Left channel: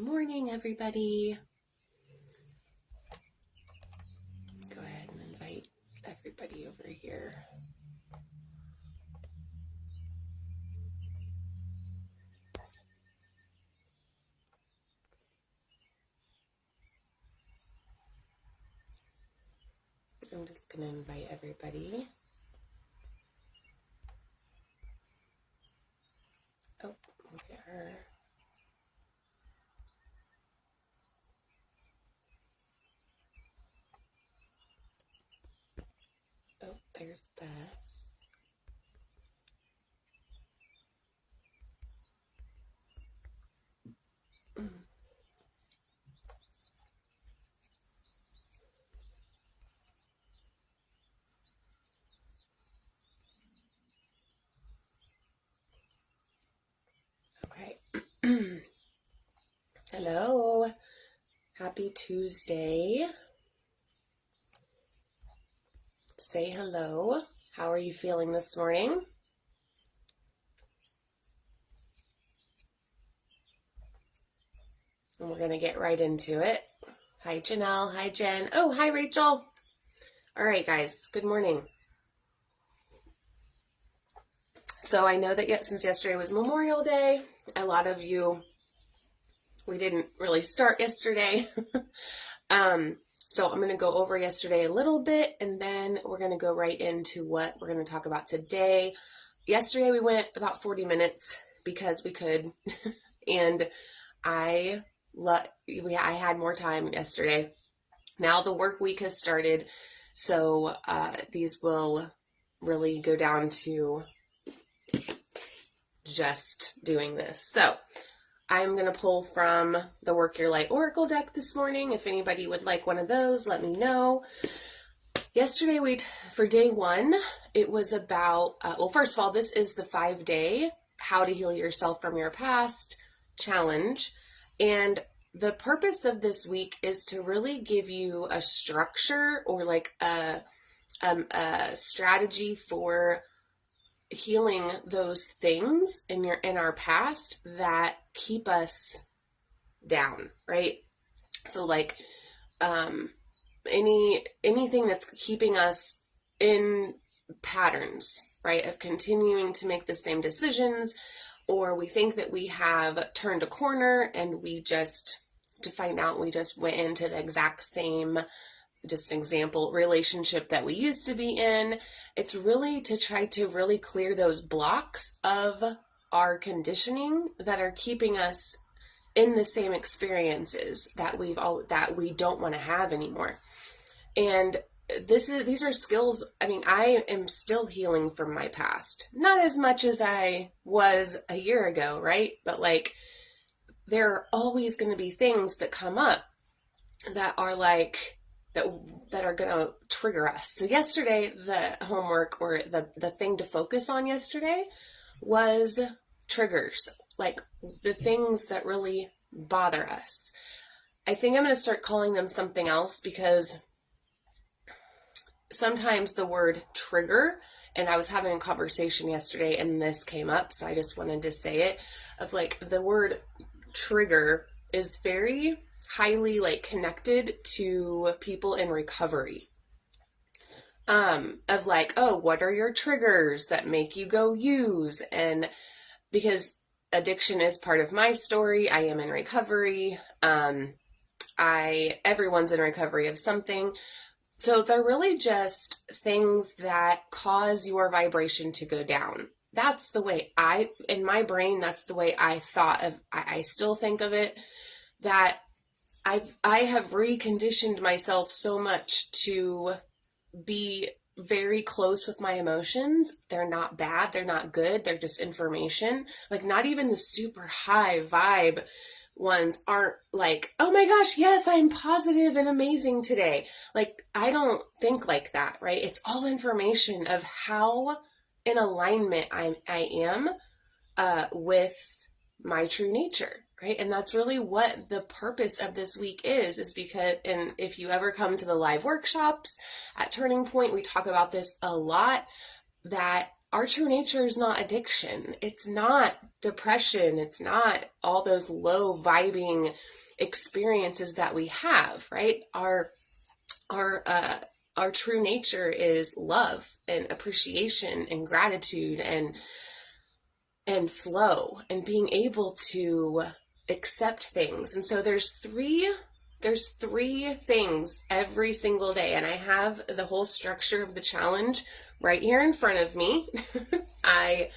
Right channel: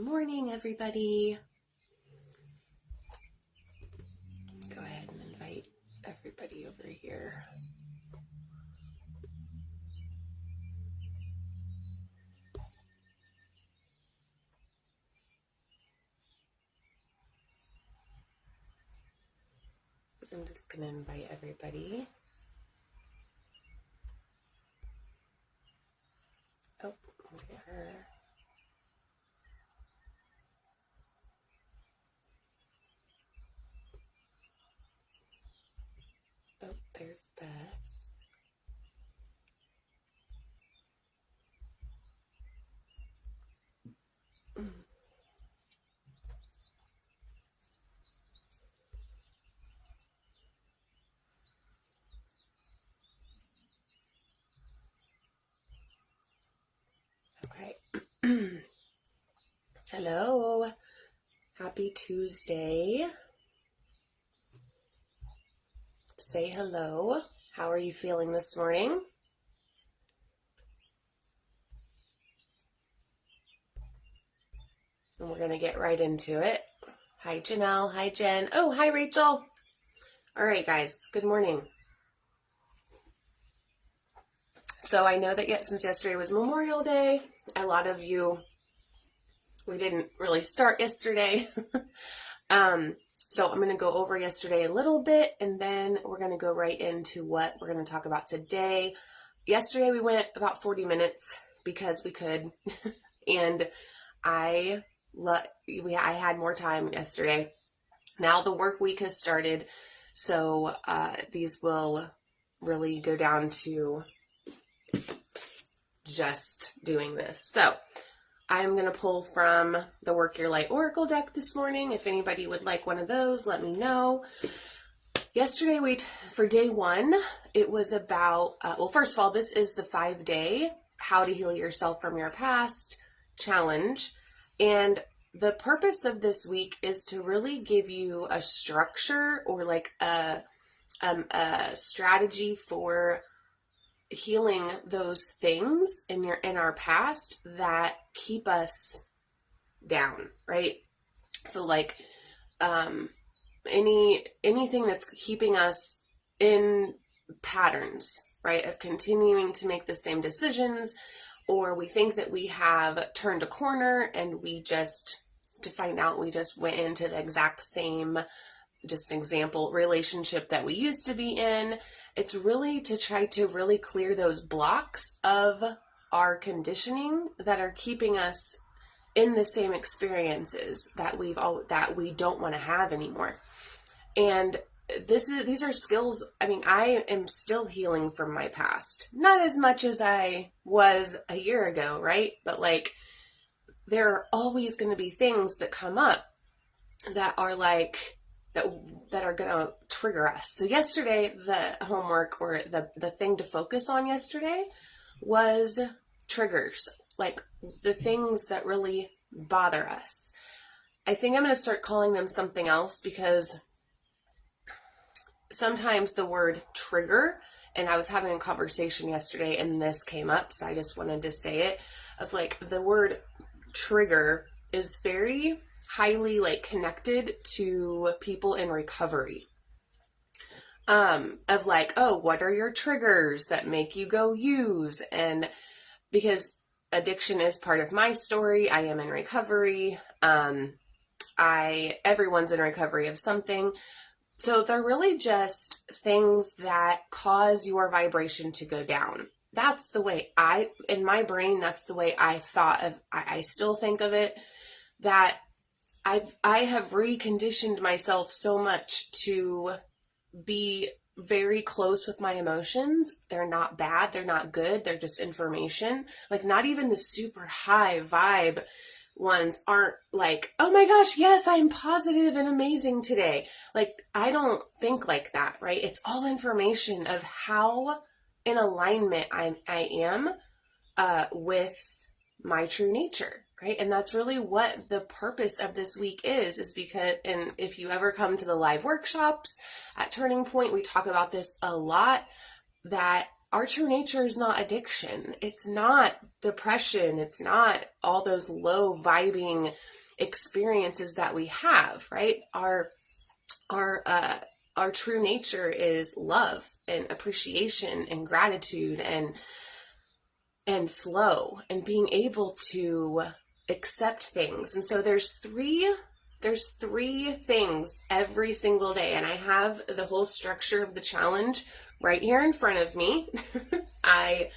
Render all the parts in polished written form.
morning, everybody. Go ahead and invite everybody over here. I'm just going to invite everybody. Oh, okay. Oh, there's Beth. Okay. Hello. Happy Tuesday. Say hello. How are you feeling this morning? And we're going to get right into it. Hi, Janelle. Hi, Jen. Oh, hi, Rachel. All right, guys. Good morning. So I know that since yesterday was Memorial Day, a lot of you, we didn't really start yesterday. So I'm going to go over yesterday a little bit, and then we're going to go right into what we're going to talk about today. Yesterday we went about 40 minutes because we could, and I had more time yesterday. Now the work week has started, so these will really go down to just doing this. So I'm going to pull from the Work Your Light Oracle deck this morning. If anybody would like one of those, let me know. Yesterday, for day one, it was about, well, first of all, this is the 5-day How to Heal Yourself from Your Past challenge. And the purpose of this week is to really give you a structure or like a strategy for healing those things in our past that keep us down, right? So like anything that's keeping us in patterns, right, of continuing to make the same decisions, or we think that we have turned a corner and we just went into the exact same, just an example, relationship that we used to be in. It's really to try to really clear those blocks of our conditioning that are keeping us in the same experiences that we don't want to have anymore. And these are skills. I mean, I am still healing from my past, not as much as I was a year ago, right? But like, there are always going to be things that come up that are like, that are going to trigger us. So yesterday, the homework or the thing to focus on yesterday was triggers, like the things that really bother us. I think I'm going to start calling them something else because sometimes the word trigger, and I was having a conversation yesterday and this came up, so I just wanted to say it, of like the word trigger is very highly like connected to people in recovery. Of like, oh, what are your triggers that make you go use? And because addiction is part of my story, I am in recovery. Everyone's in recovery of something. So they're really just things that cause your vibration to go down. That's the way in my brain, that's the way I thought of, I still think of it, that I have reconditioned myself so much to be very close with my emotions. They're not bad. They're not good. They're just information. Like not even the super high vibe ones aren't like, oh my gosh, yes, I'm positive and amazing today. Like, I don't think like that, right? It's all information of how in alignment I am with my true nature. Right. And that's really what the purpose of this week is because, and if you ever come to the live workshops at Turning Point, we talk about this a lot, that our true nature is not addiction. It's not depression. It's not all those low vibing experiences that we have, right? Our true nature is love and appreciation and gratitude and flow and being able to accept things. And so there's three things every single day, and I have the whole structure of the challenge right here in front of me. I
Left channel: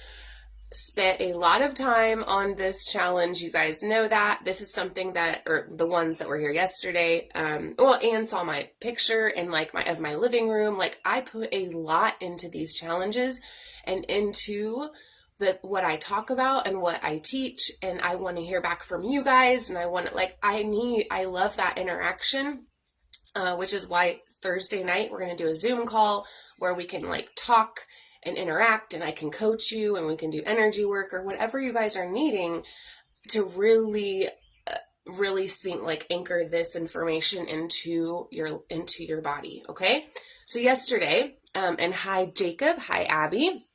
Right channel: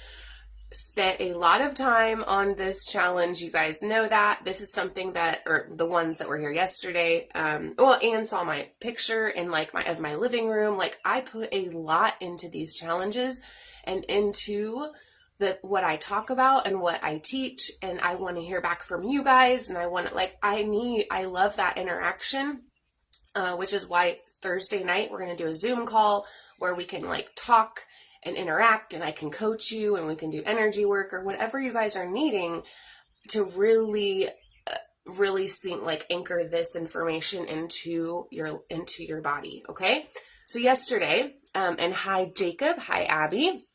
spent a lot of time on this challenge. You guys know that. This is something that, or the ones that were here yesterday, and saw my picture in of my living room. Like, I put a lot into these challenges and into what I talk about and what I teach, and I want to hear back from you guys, and I love that interaction, which is why Thursday night we're going to do a Zoom call where we can talk and interact, and I can coach you, and we can do energy work or whatever you guys are needing to really anchor this information into your body. Okay. So yesterday, and hi Jacob, hi Abby.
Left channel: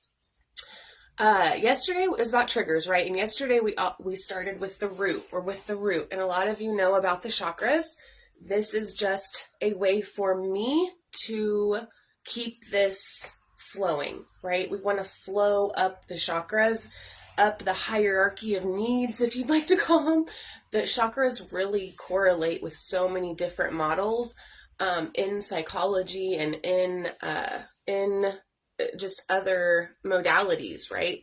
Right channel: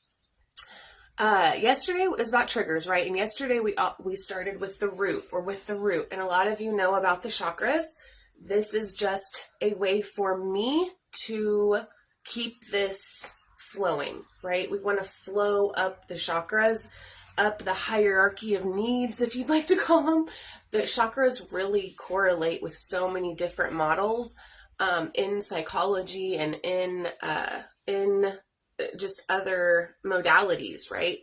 Yesterday was about triggers, right? And yesterday we started with the root, and a lot of you know about the chakras. This is just a way for me to keep this flowing, right? We want to flow up the chakras, up the hierarchy of needs, if you'd like to call them. The chakras really correlate with so many different models in psychology and in just other modalities, right?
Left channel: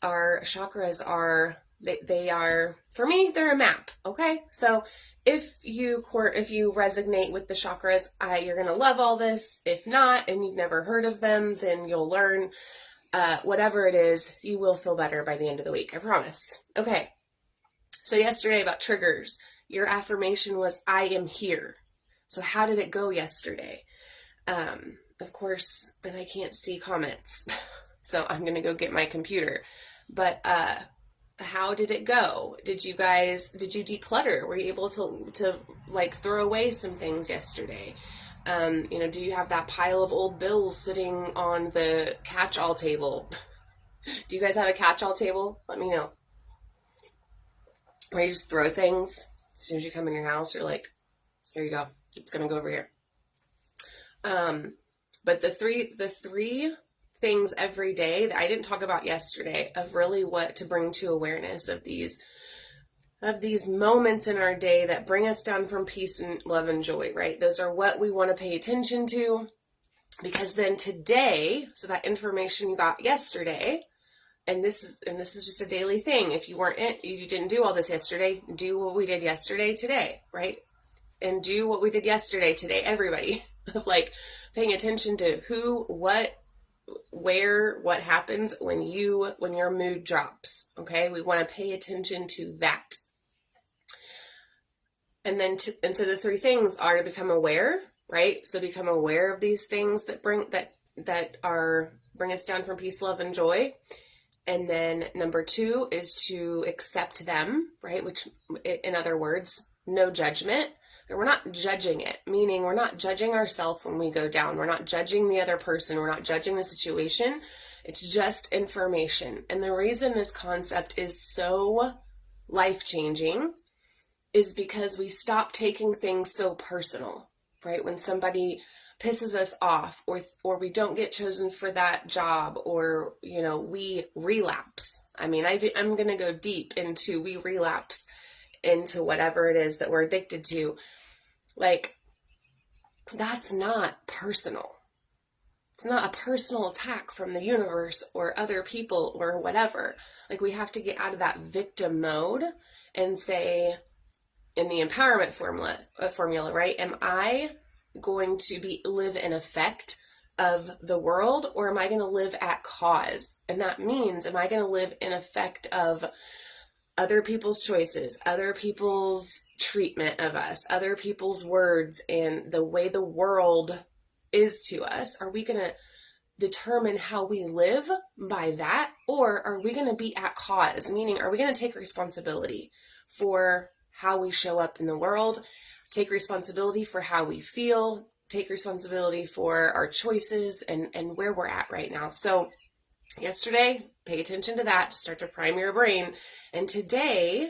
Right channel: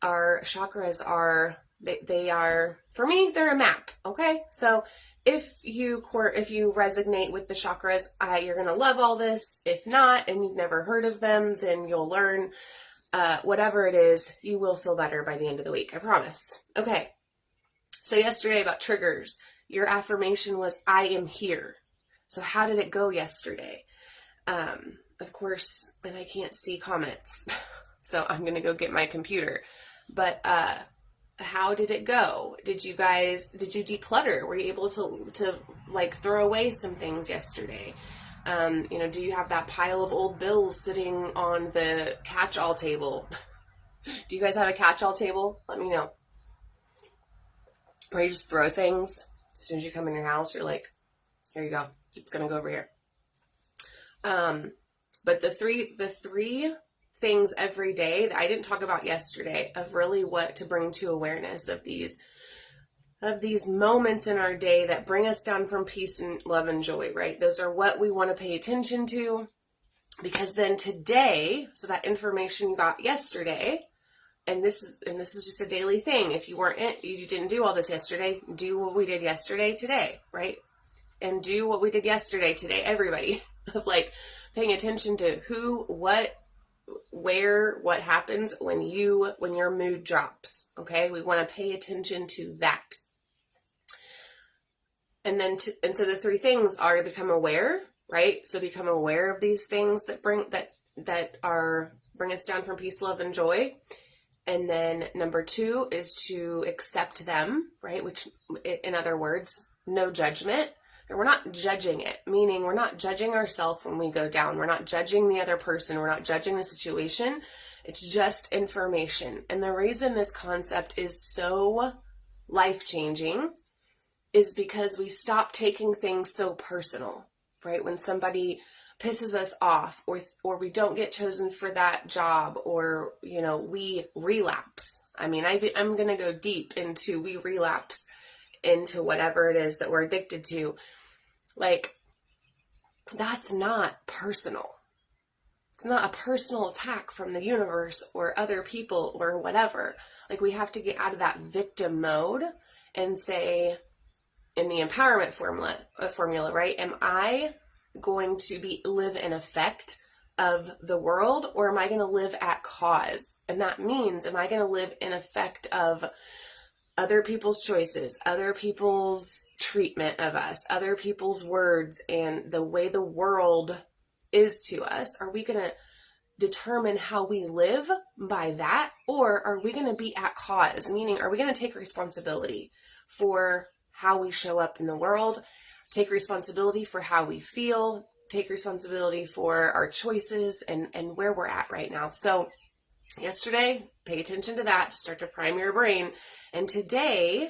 Our chakras are, they are, for me, they're a map. Okay. So if you resonate with the chakras, you're going to love all this. If not, and you've never heard of them, then you'll learn, whatever it is, you will feel better by the end of the week. I promise. Okay. So yesterday about triggers, your affirmation was, I am here. So how did it go yesterday? Of course, and I can't see comments, so I'm going to go get my computer. But how did it go? Did you declutter? Were you able to throw away some things yesterday? Do you have that pile of old bills sitting on the catch-all table? Do you guys have a catch-all table? Let me know. Or you just throw things as soon as you come in your house. You're like, here you go. It's going to go over here. But the three things every day that I didn't talk about yesterday of really what to bring to awareness of these moments in our day that bring us down from peace and love and joy, right? Those are what we want to pay attention to, because then today, so that information you got yesterday, and this is just a daily thing. If you didn't do all this yesterday, do what we did yesterday today, right? And do what we did yesterday today, everybody, of paying attention to who, what, where, what happens when your mood drops. Okay. We want to pay attention to that. And then, so the three things are to become aware, right? So become aware of these things that bring us down from peace, love, and joy. And then number 2 is to accept them, right? Which, in other words, no judgment. We're not judging it, meaning we're not judging ourselves when we go down. We're not judging the other person. We're not judging the situation. It's just information. And the reason this concept is so life-changing is because we stop taking things so personal, right? When somebody pisses us off, or we don't get chosen for that job, or, we relapse. I mean, I'm going to go deep into we relapse into whatever it is that we're addicted to. That's not personal. It's not a personal attack from the universe or other people or whatever. We have to get out of that victim mode and say, in the empowerment formula, right? Am I going to live in effect of the world, or am I going to live at cause? And that means, am I going to live in effect of other people's choices, other people's treatment of us, other people's words, and the way the world is to us? Are we going to determine how we live by that? Or are we going to be at cause? Meaning, are we going to take responsibility for how we show up in the world, take responsibility for how we feel, take responsibility for our choices and where we're at right now? So Yesterday, pay attention to that to start to prime your brain. And today,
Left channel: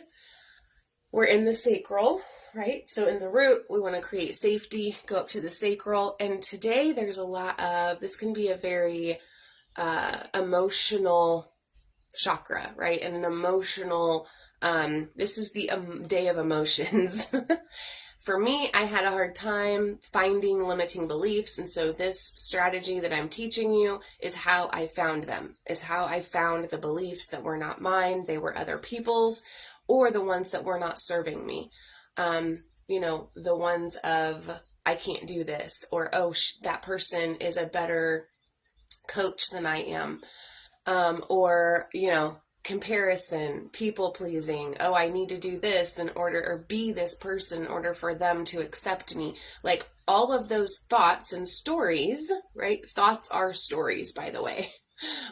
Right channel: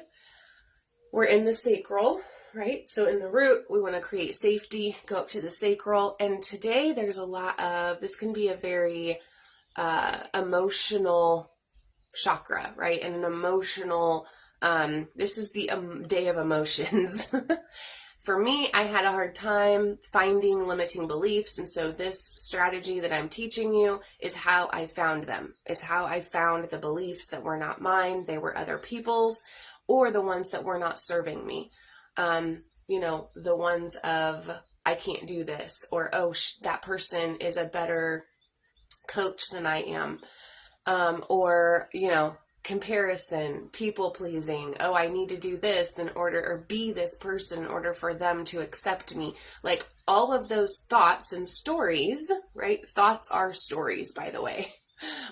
we're in the sacral, right? So in the root, we want to create safety, go up to the sacral. And today, there's a lot of, this can be a very emotional chakra, right? And an emotional, this is the day of emotions. For me, I had a hard time finding limiting beliefs, and so this strategy that I'm teaching you is how I found them, is how I found the beliefs that were not mine, they were other people's, or the ones that were not serving me. The ones of, I can't do this, or, oh, that person is a better coach than I am, or, comparison, people pleasing. Oh, I need to do this in order, or be this person in order for them to accept me. Like all of those thoughts and stories, right? Thoughts are stories, by the way.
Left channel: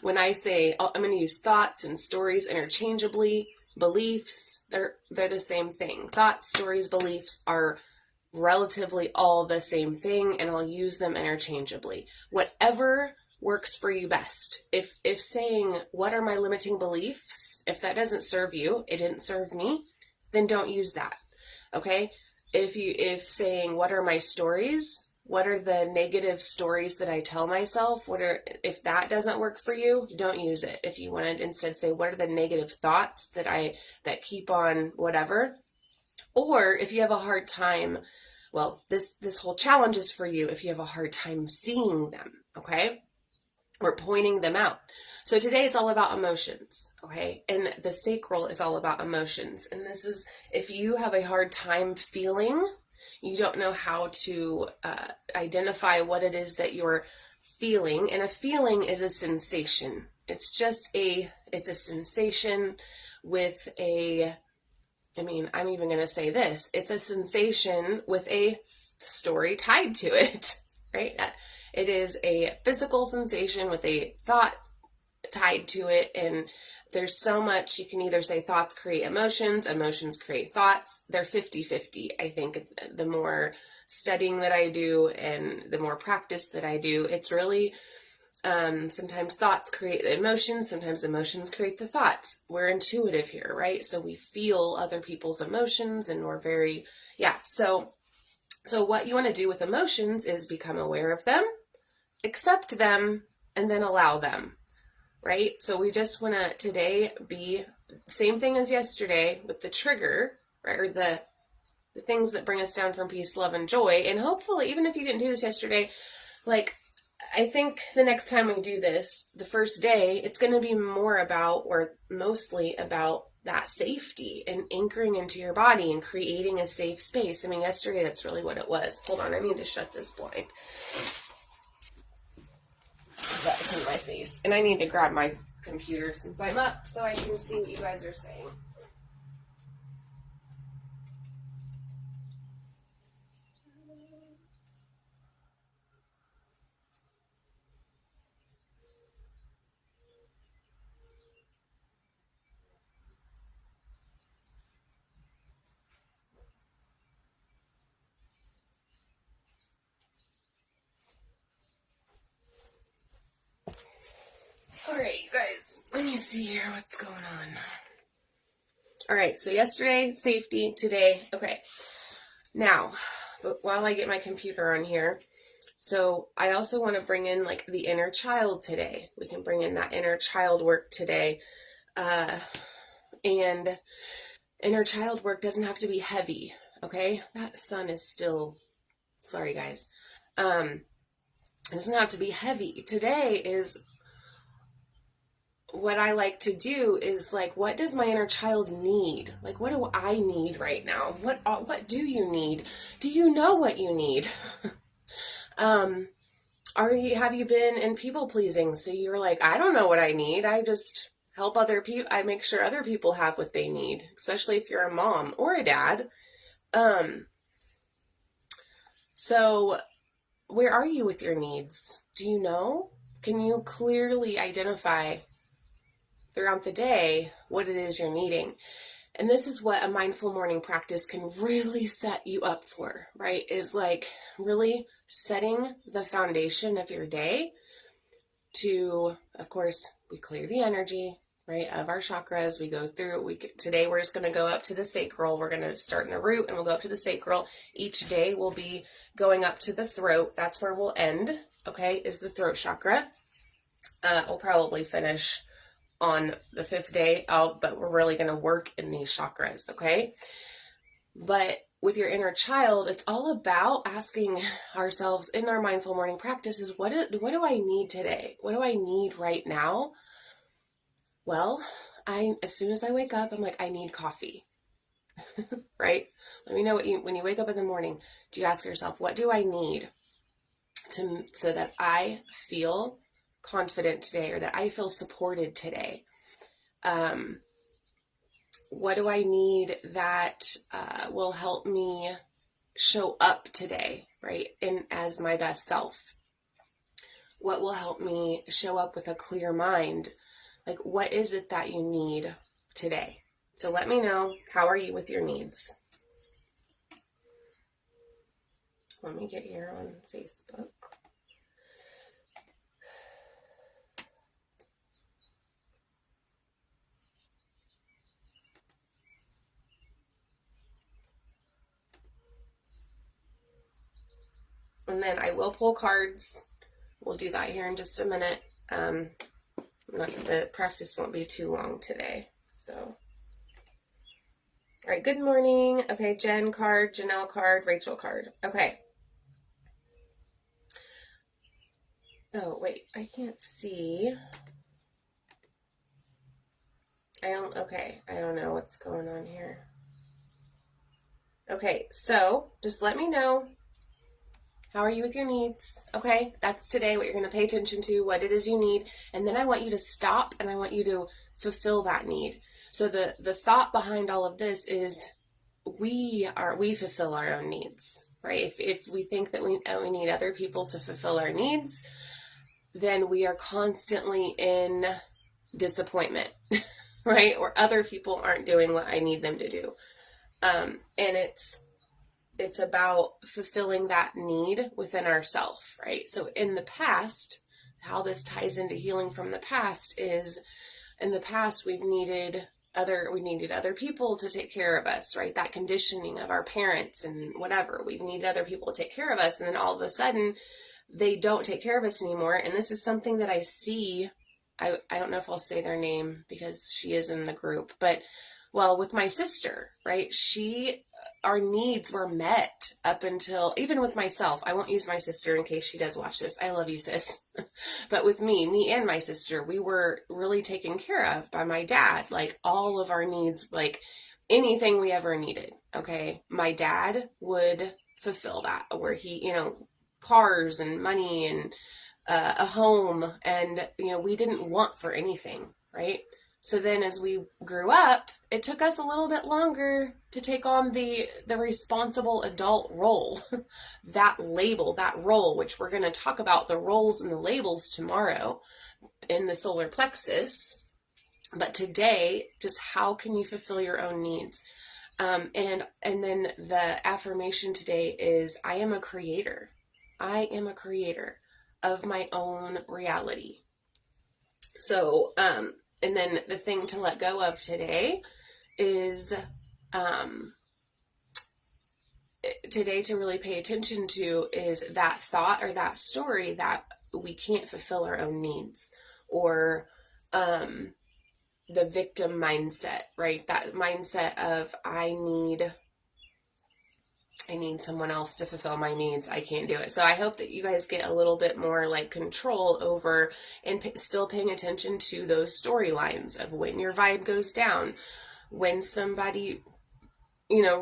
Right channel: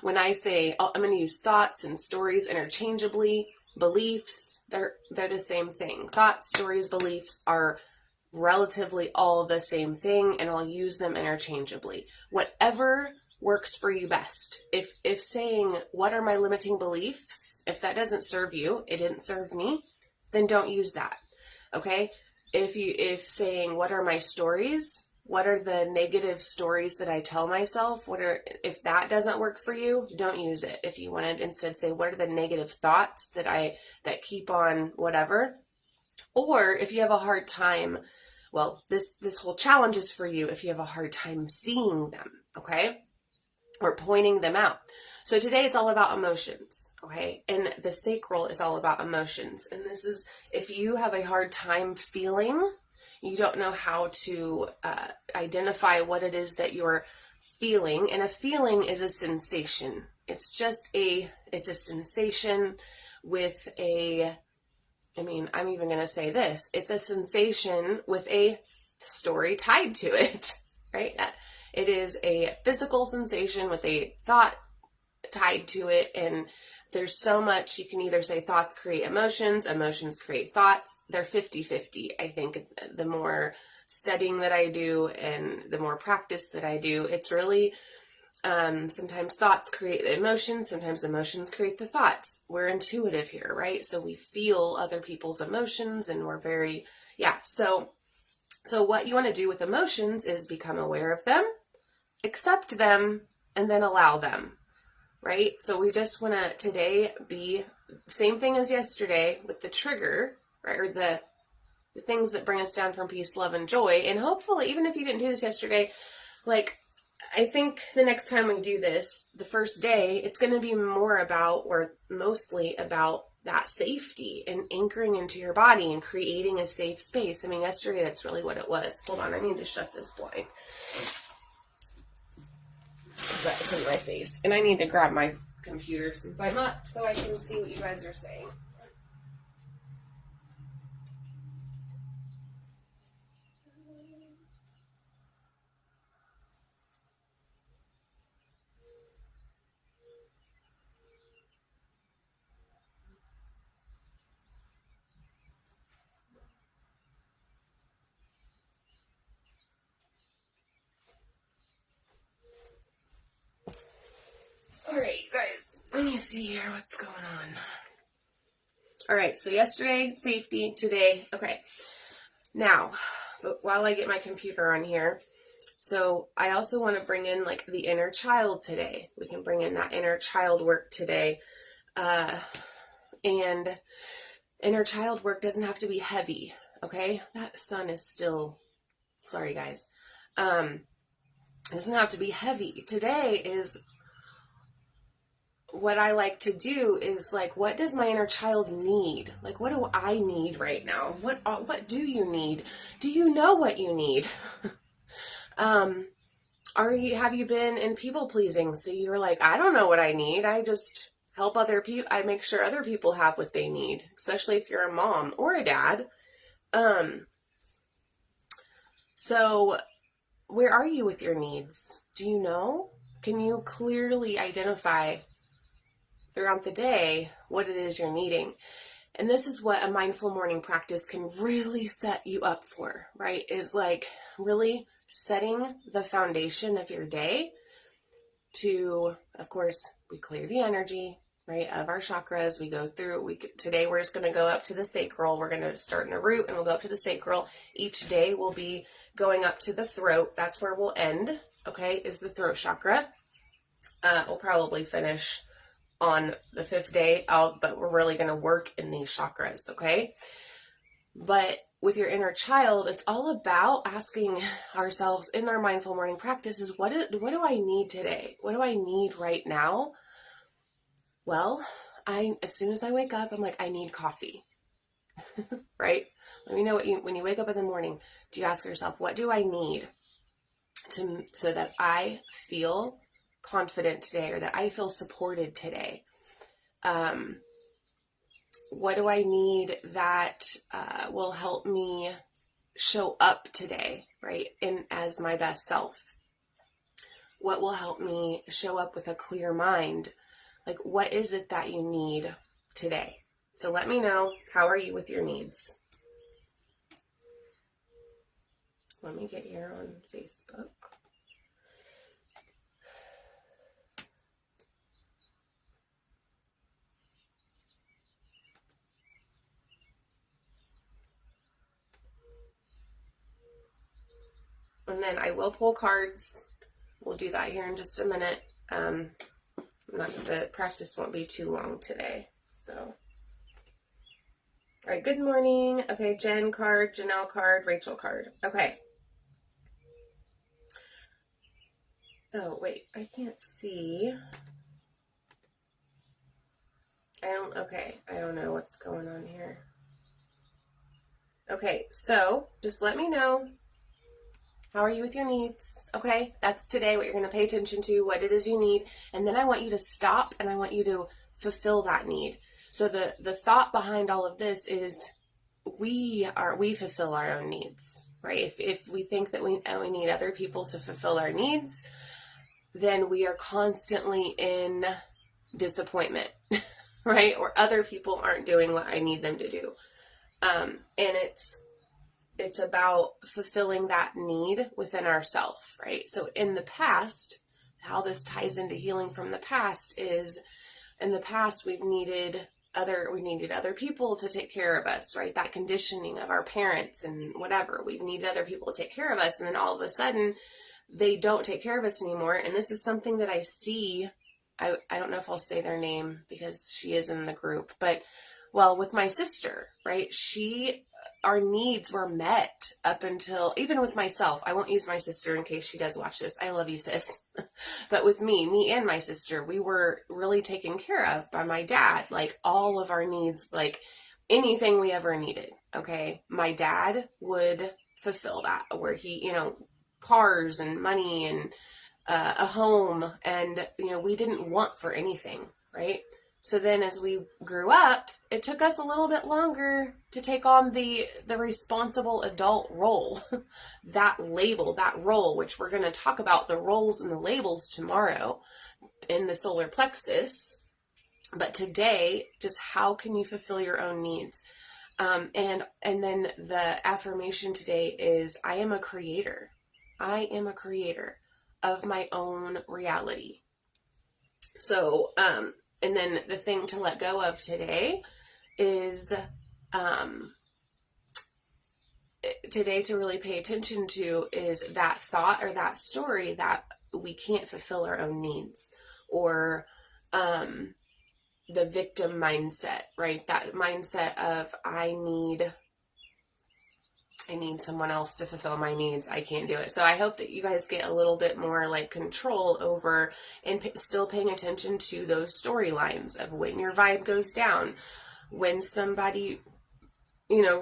When I say, I'm going to use thoughts and stories interchangeably, beliefs, they're the same thing. Thoughts, stories, beliefs are relatively all the same thing, and I'll use them interchangeably. Whatever works for you best. If saying, what are my limiting beliefs, if that doesn't serve you, it didn't serve me, then don't use that. Okay? If saying, what are my stories, what are the negative stories that I tell myself, if that doesn't work for you, don't use it. If you want to instead say, what are the negative thoughts that keep on whatever, or if you have a hard time, well, this whole challenge is for you if you have a hard time seeing them, okay? Or pointing them out. So today is all about emotions, okay? And the sacral is all about emotions. And this is, if you have a hard time feeling, you don't know how to identify what it is that you're feeling. And a feeling is a sensation. It's a sensation with I'm even going to say this. It's a sensation with a story tied to it, right? It is a physical sensation with a thought tied to it, and there's so much. You can either say thoughts create emotions, emotions create thoughts. They're 50-50. I think the more studying that I do and the more practice that I do, it's really sometimes thoughts create the emotions, sometimes emotions create the thoughts. We're intuitive here, right? So we feel other people's emotions, and we're very, So what you want to do with emotions is become aware of them, accept them, and then allow them, right? So we just want to today be same thing as yesterday with the trigger, right? Or the things that bring us down from peace, love, and joy. And hopefully, even if you didn't do this yesterday, I think the next time we do this, the first day, it's going to be more about, or mostly about, that safety and anchoring into your body and creating a safe space. Yesterday, that's really what it was. Hold on, I need to shut this blind. That's in my face. And I need to grab my computer since I'm up so I can see what you guys are saying. Alright, guys, let me see here what's going on. Alright, so yesterday, safety, today, okay. Now, but while I get my computer on here, so I also want to bring in the inner child today. We can bring in that inner child work today. And inner child work doesn't have to be heavy, okay? That sun is still, sorry guys. It doesn't have to be heavy. Today is, what I like to do is what does my inner child need? What do I need right now? What do you need? Do you know what you need? Have you been in people pleasing? So you're I don't know what I need. I just help other people. I make sure other people have what they need, especially if you're a mom or a dad. So where are you with your needs? Do you know? Can you clearly identify throughout the day what it is you're needing? And this is what a mindful morning practice can really set you up for, right? Is really setting the foundation of your day to, of course, we clear the energy, right, of our chakras. We go through, today we're just going to go up to the sacral. We're going to start in the root and we'll go up to the sacral. Each day we'll be going up to the throat. That's where we'll end, okay, is the throat chakra. We'll probably finish on the 5th day out, but we're really going to work in these chakras, okay? But with your inner child, it's all about asking ourselves in our mindful morning practices, what do I need today? What do I need right now? Well, as soon as I wake up, I'm like, I need coffee, right? Let me know when you wake up in the morning, do you ask yourself, what do I need so that I feel confident today, or that I feel supported today? What do I need that will help me show up today, right, as my best self? What will help me show up with a clear mind? Like, what is it that you need today? So let me know, how are you with your needs? Let me get here on Facebook. And then I will pull cards. We'll do that here in just a minute. The practice won't be too long today. So, all right, good morning. Okay, Jen card, Janelle card, Rachel card. Okay. Oh, wait, I can't see. I don't know what's going on here. Okay, so just let me know. How are you with your needs? Okay, that's today what you're going to pay attention to, what it is you need. And then I want you to stop and I want you to fulfill that need. So the thought behind all of this is we fulfill our own needs, right? If we think that we need other people to fulfill our needs, then we are constantly in disappointment, right? Or other people aren't doing what I need them to do. And it's about fulfilling that need within ourselves, right? So in the past, how this ties into healing from the past is, in the past we needed other people to take care of us, right? That conditioning of our parents and whatever, we needed other people to take care of us, and then all of a sudden they don't take care of us anymore. And this is something that I see. I don't know if I'll say their name because she is in the group, but well, with my sister, right? Our needs were met up until, even with myself, I won't use my sister in case she does watch this. I love you, sis. But with me and my sister, we were really taken care of by my dad. Like all of our needs, like anything we ever needed. Okay. My dad would fulfill that, where he, cars and money and a home, and, we didn't want for anything. Right. So then as we grew up, it took us a little bit longer to take on the responsible adult role, that label, that role, which we're going to talk about the roles and the labels tomorrow in the solar plexus. But today, just how can you fulfill your own needs? And then the affirmation today is, I am a creator. I am a creator of my own reality. So, and then the thing to let go of today is, today to really pay attention to is that thought or that story that we can't fulfill our own needs, or the victim mindset, right? That mindset of I need someone else to fulfill my needs. I can't do it. So I hope that you guys get a little bit more like control over and still paying attention to those storylines of when your vibe goes down, when somebody,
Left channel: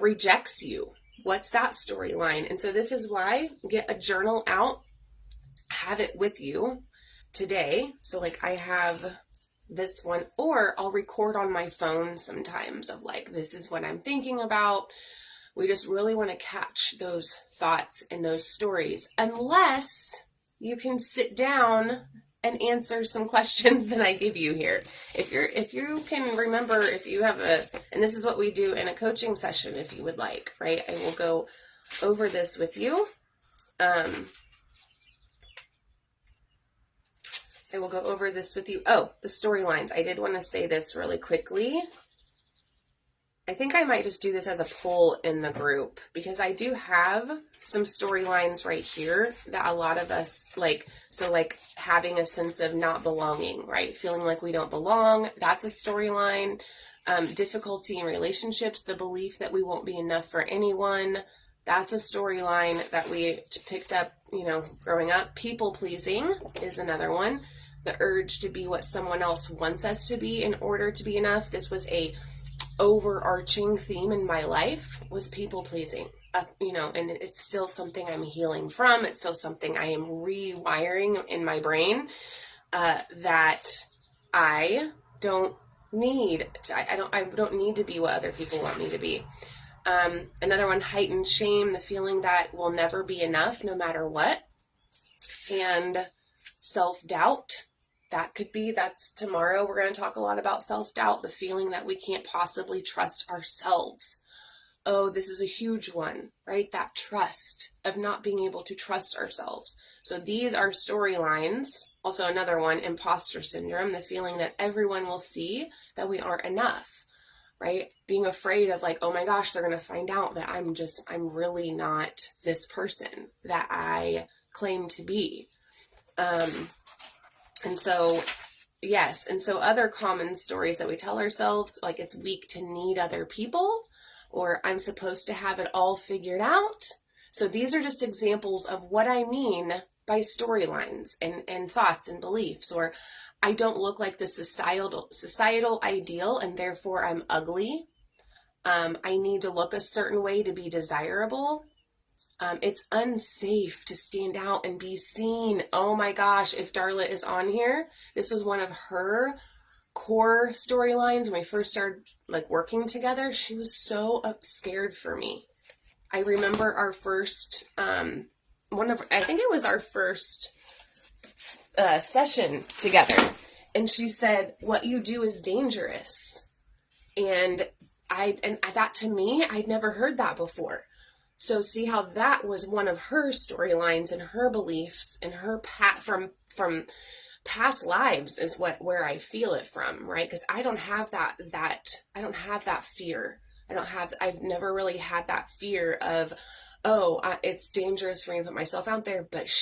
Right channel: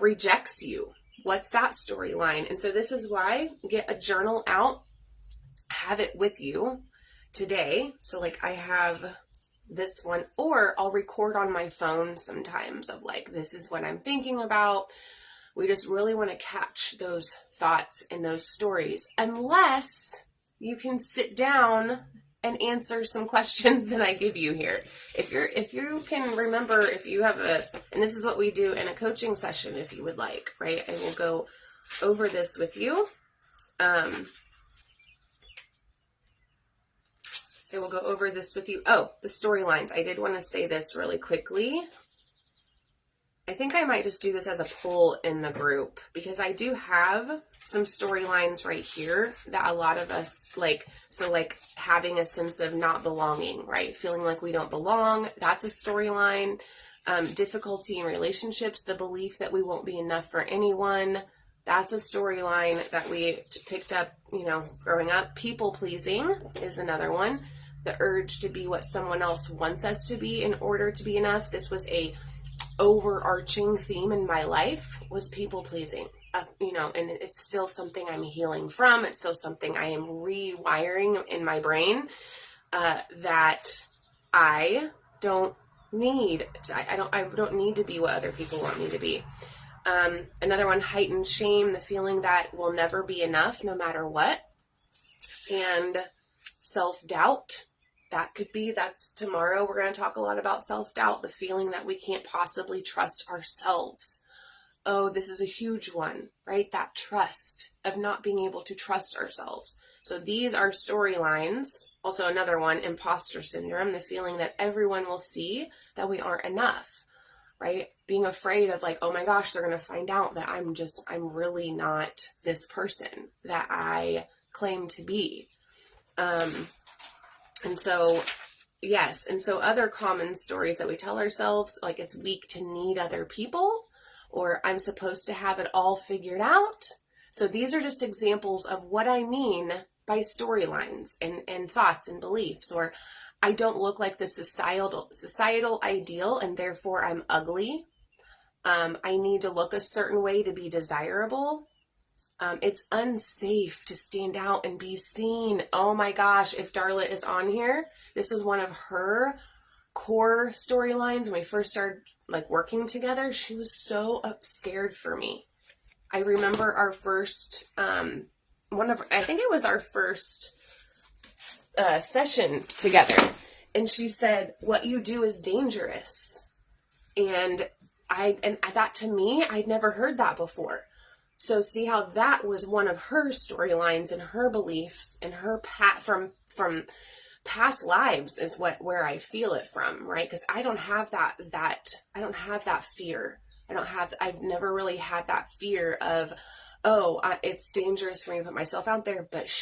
rejects you. What's that storyline? And so this is why get a journal out, have it with you today. So like I have this one, or I'll record on my phone sometimes of like, this is what I'm thinking about. We just really want to catch those thoughts and those stories, unless you can sit down and answer some questions that I give you here. If you can remember, if you have and this is what we do in a coaching session, if you would like, right? I will go over this with you. I will go over this with you. Oh, the storylines. I did want to say this really quickly. I think I might just do this as a poll in the group, because I do have some storylines right here that a lot of us like. So like having a sense of not belonging, right? Feeling like we don't belong. That's a storyline. Difficulty in relationships, the belief that we won't be enough for anyone. That's a storyline that we picked up, growing up. People pleasing is another one. The urge to be what someone else wants us to be in order to be enough. This was a overarching theme in my life, was people pleasing, and it's still something I'm healing from. It's still something I am rewiring in my brain, that I don't need to, I don't need to be what other people want me to be. Another one, heightened shame, the feeling that we'll never be enough no matter what. And self-doubt. That's tomorrow. We're going to talk a lot about self-doubt, the feeling that we can't possibly trust ourselves. Oh, this is a huge one, right? That trust, of not being able to trust ourselves. So these are storylines. Also another one, imposter syndrome, the feeling that everyone will see that we aren't enough, right? Being afraid of like, oh my gosh, they're going to find out that I'm really not this person that I claim to be. And so, yes. And so other common stories that we tell ourselves, like it's weak to need other people, or I'm supposed to have it all figured out. So these are just examples of what I mean by storylines and thoughts and beliefs. Or I don't look like the societal ideal, and therefore I'm ugly. I need to look a certain way to be desirable. It's unsafe to stand out and be seen. Oh my gosh, if Darla is on here, this was one of her core storylines when we first started like working together. She was so scared for me. I remember our first, I think it was our first session together. And she said, what you do is dangerous. And that to me, I'd never heard that before. So see how that was one of her storylines and her beliefs and her from past lives is where I feel it from, right? Because I don't have that fear. I've never really had that fear of, it's dangerous for me to put myself out there. But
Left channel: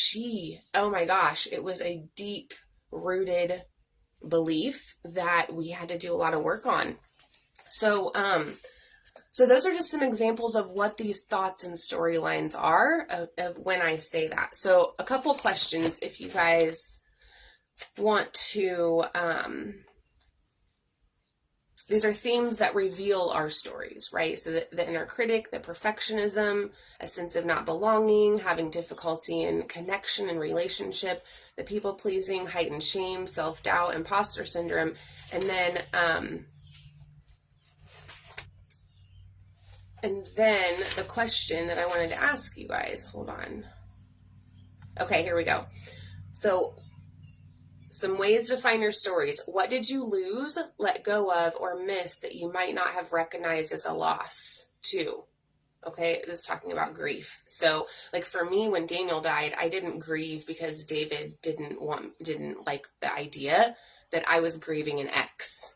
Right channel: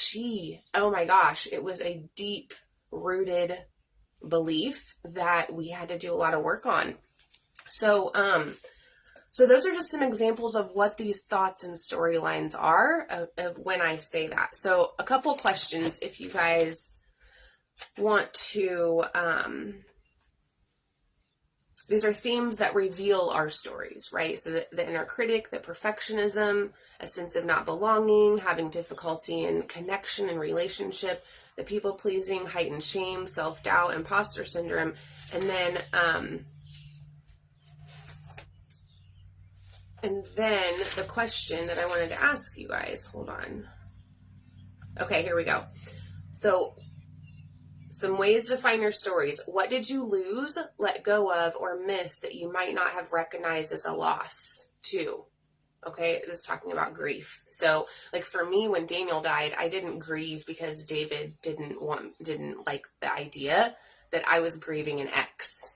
oh my gosh, it was a deep rooted belief that we had to do a lot of work on. So those are just some examples of what these thoughts and storylines are of when I say that. So a couple questions if you guys want to, these are themes that reveal our stories, right? So the inner critic, the perfectionism, a sense of not belonging, having difficulty in connection and relationship, the people pleasing, heightened shame, self-doubt, imposter syndrome, and then the question that I wanted to ask you guys, hold on. Okay, here we go. So some ways to find your stories. What did you lose, let go of, or miss that you might not have recognized as a loss too? Okay, this is talking about grief. So like for me, when Daniel died, I didn't grieve because David didn't like the idea that I was grieving an ex.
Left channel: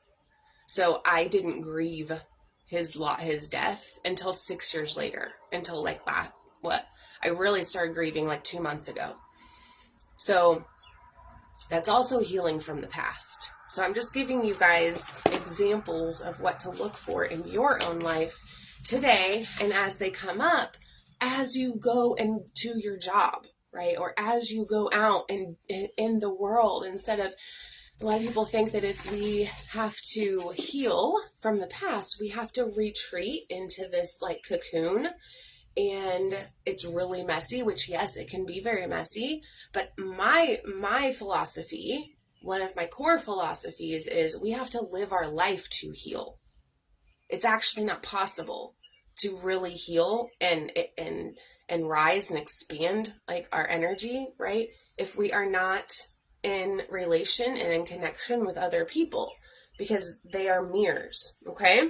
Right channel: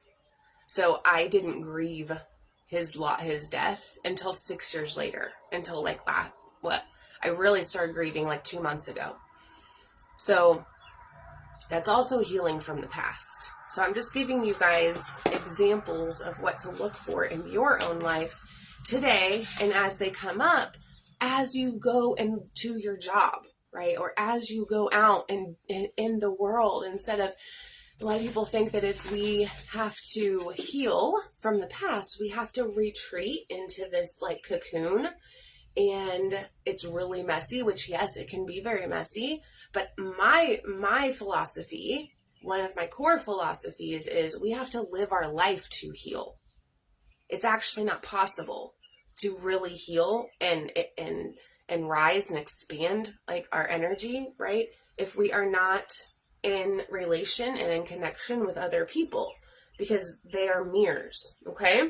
So I didn't grieve his death until 6 years later, until like that. I really started grieving like 2 months ago. So that's also healing from the past. So I'm just giving you guys examples of what to look for in your own life today, and as they come up, as you go into your job, right? Or as you go out and in the world, instead of, a lot of people think that if we have to heal from the past, we have to retreat into this like cocoon, and it's really messy, which yes, it can be very messy. But my philosophy, one of my core philosophies, is we have to live our life to heal. It's actually not possible to really heal and rise and expand like our energy, right? If we are not in relation and in connection with other people, because they are mirrors. Okay.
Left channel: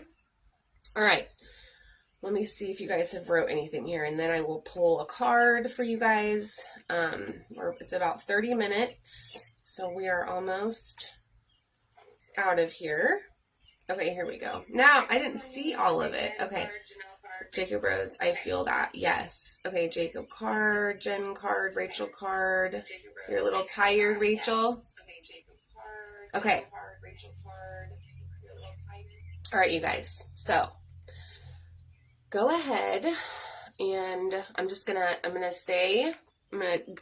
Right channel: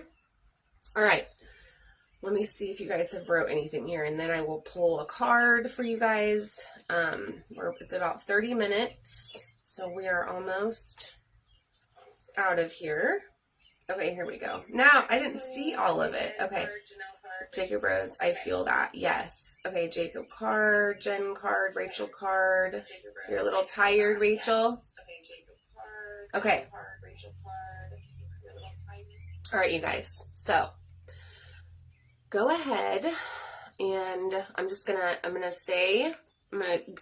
All right. Let me see if you guys have wrote anything here, and then I will pull a card for you guys. It's about 30 minutes. So we are almost out of here. Okay, here we go. Now, I didn't see all of it. Okay. Jacob Rhodes, I feel that. Yes. Okay, Jacob card, Jen card, Rachel card. You're a little tired, Rachel? Okay. All right, you guys. So, go ahead and I'm going to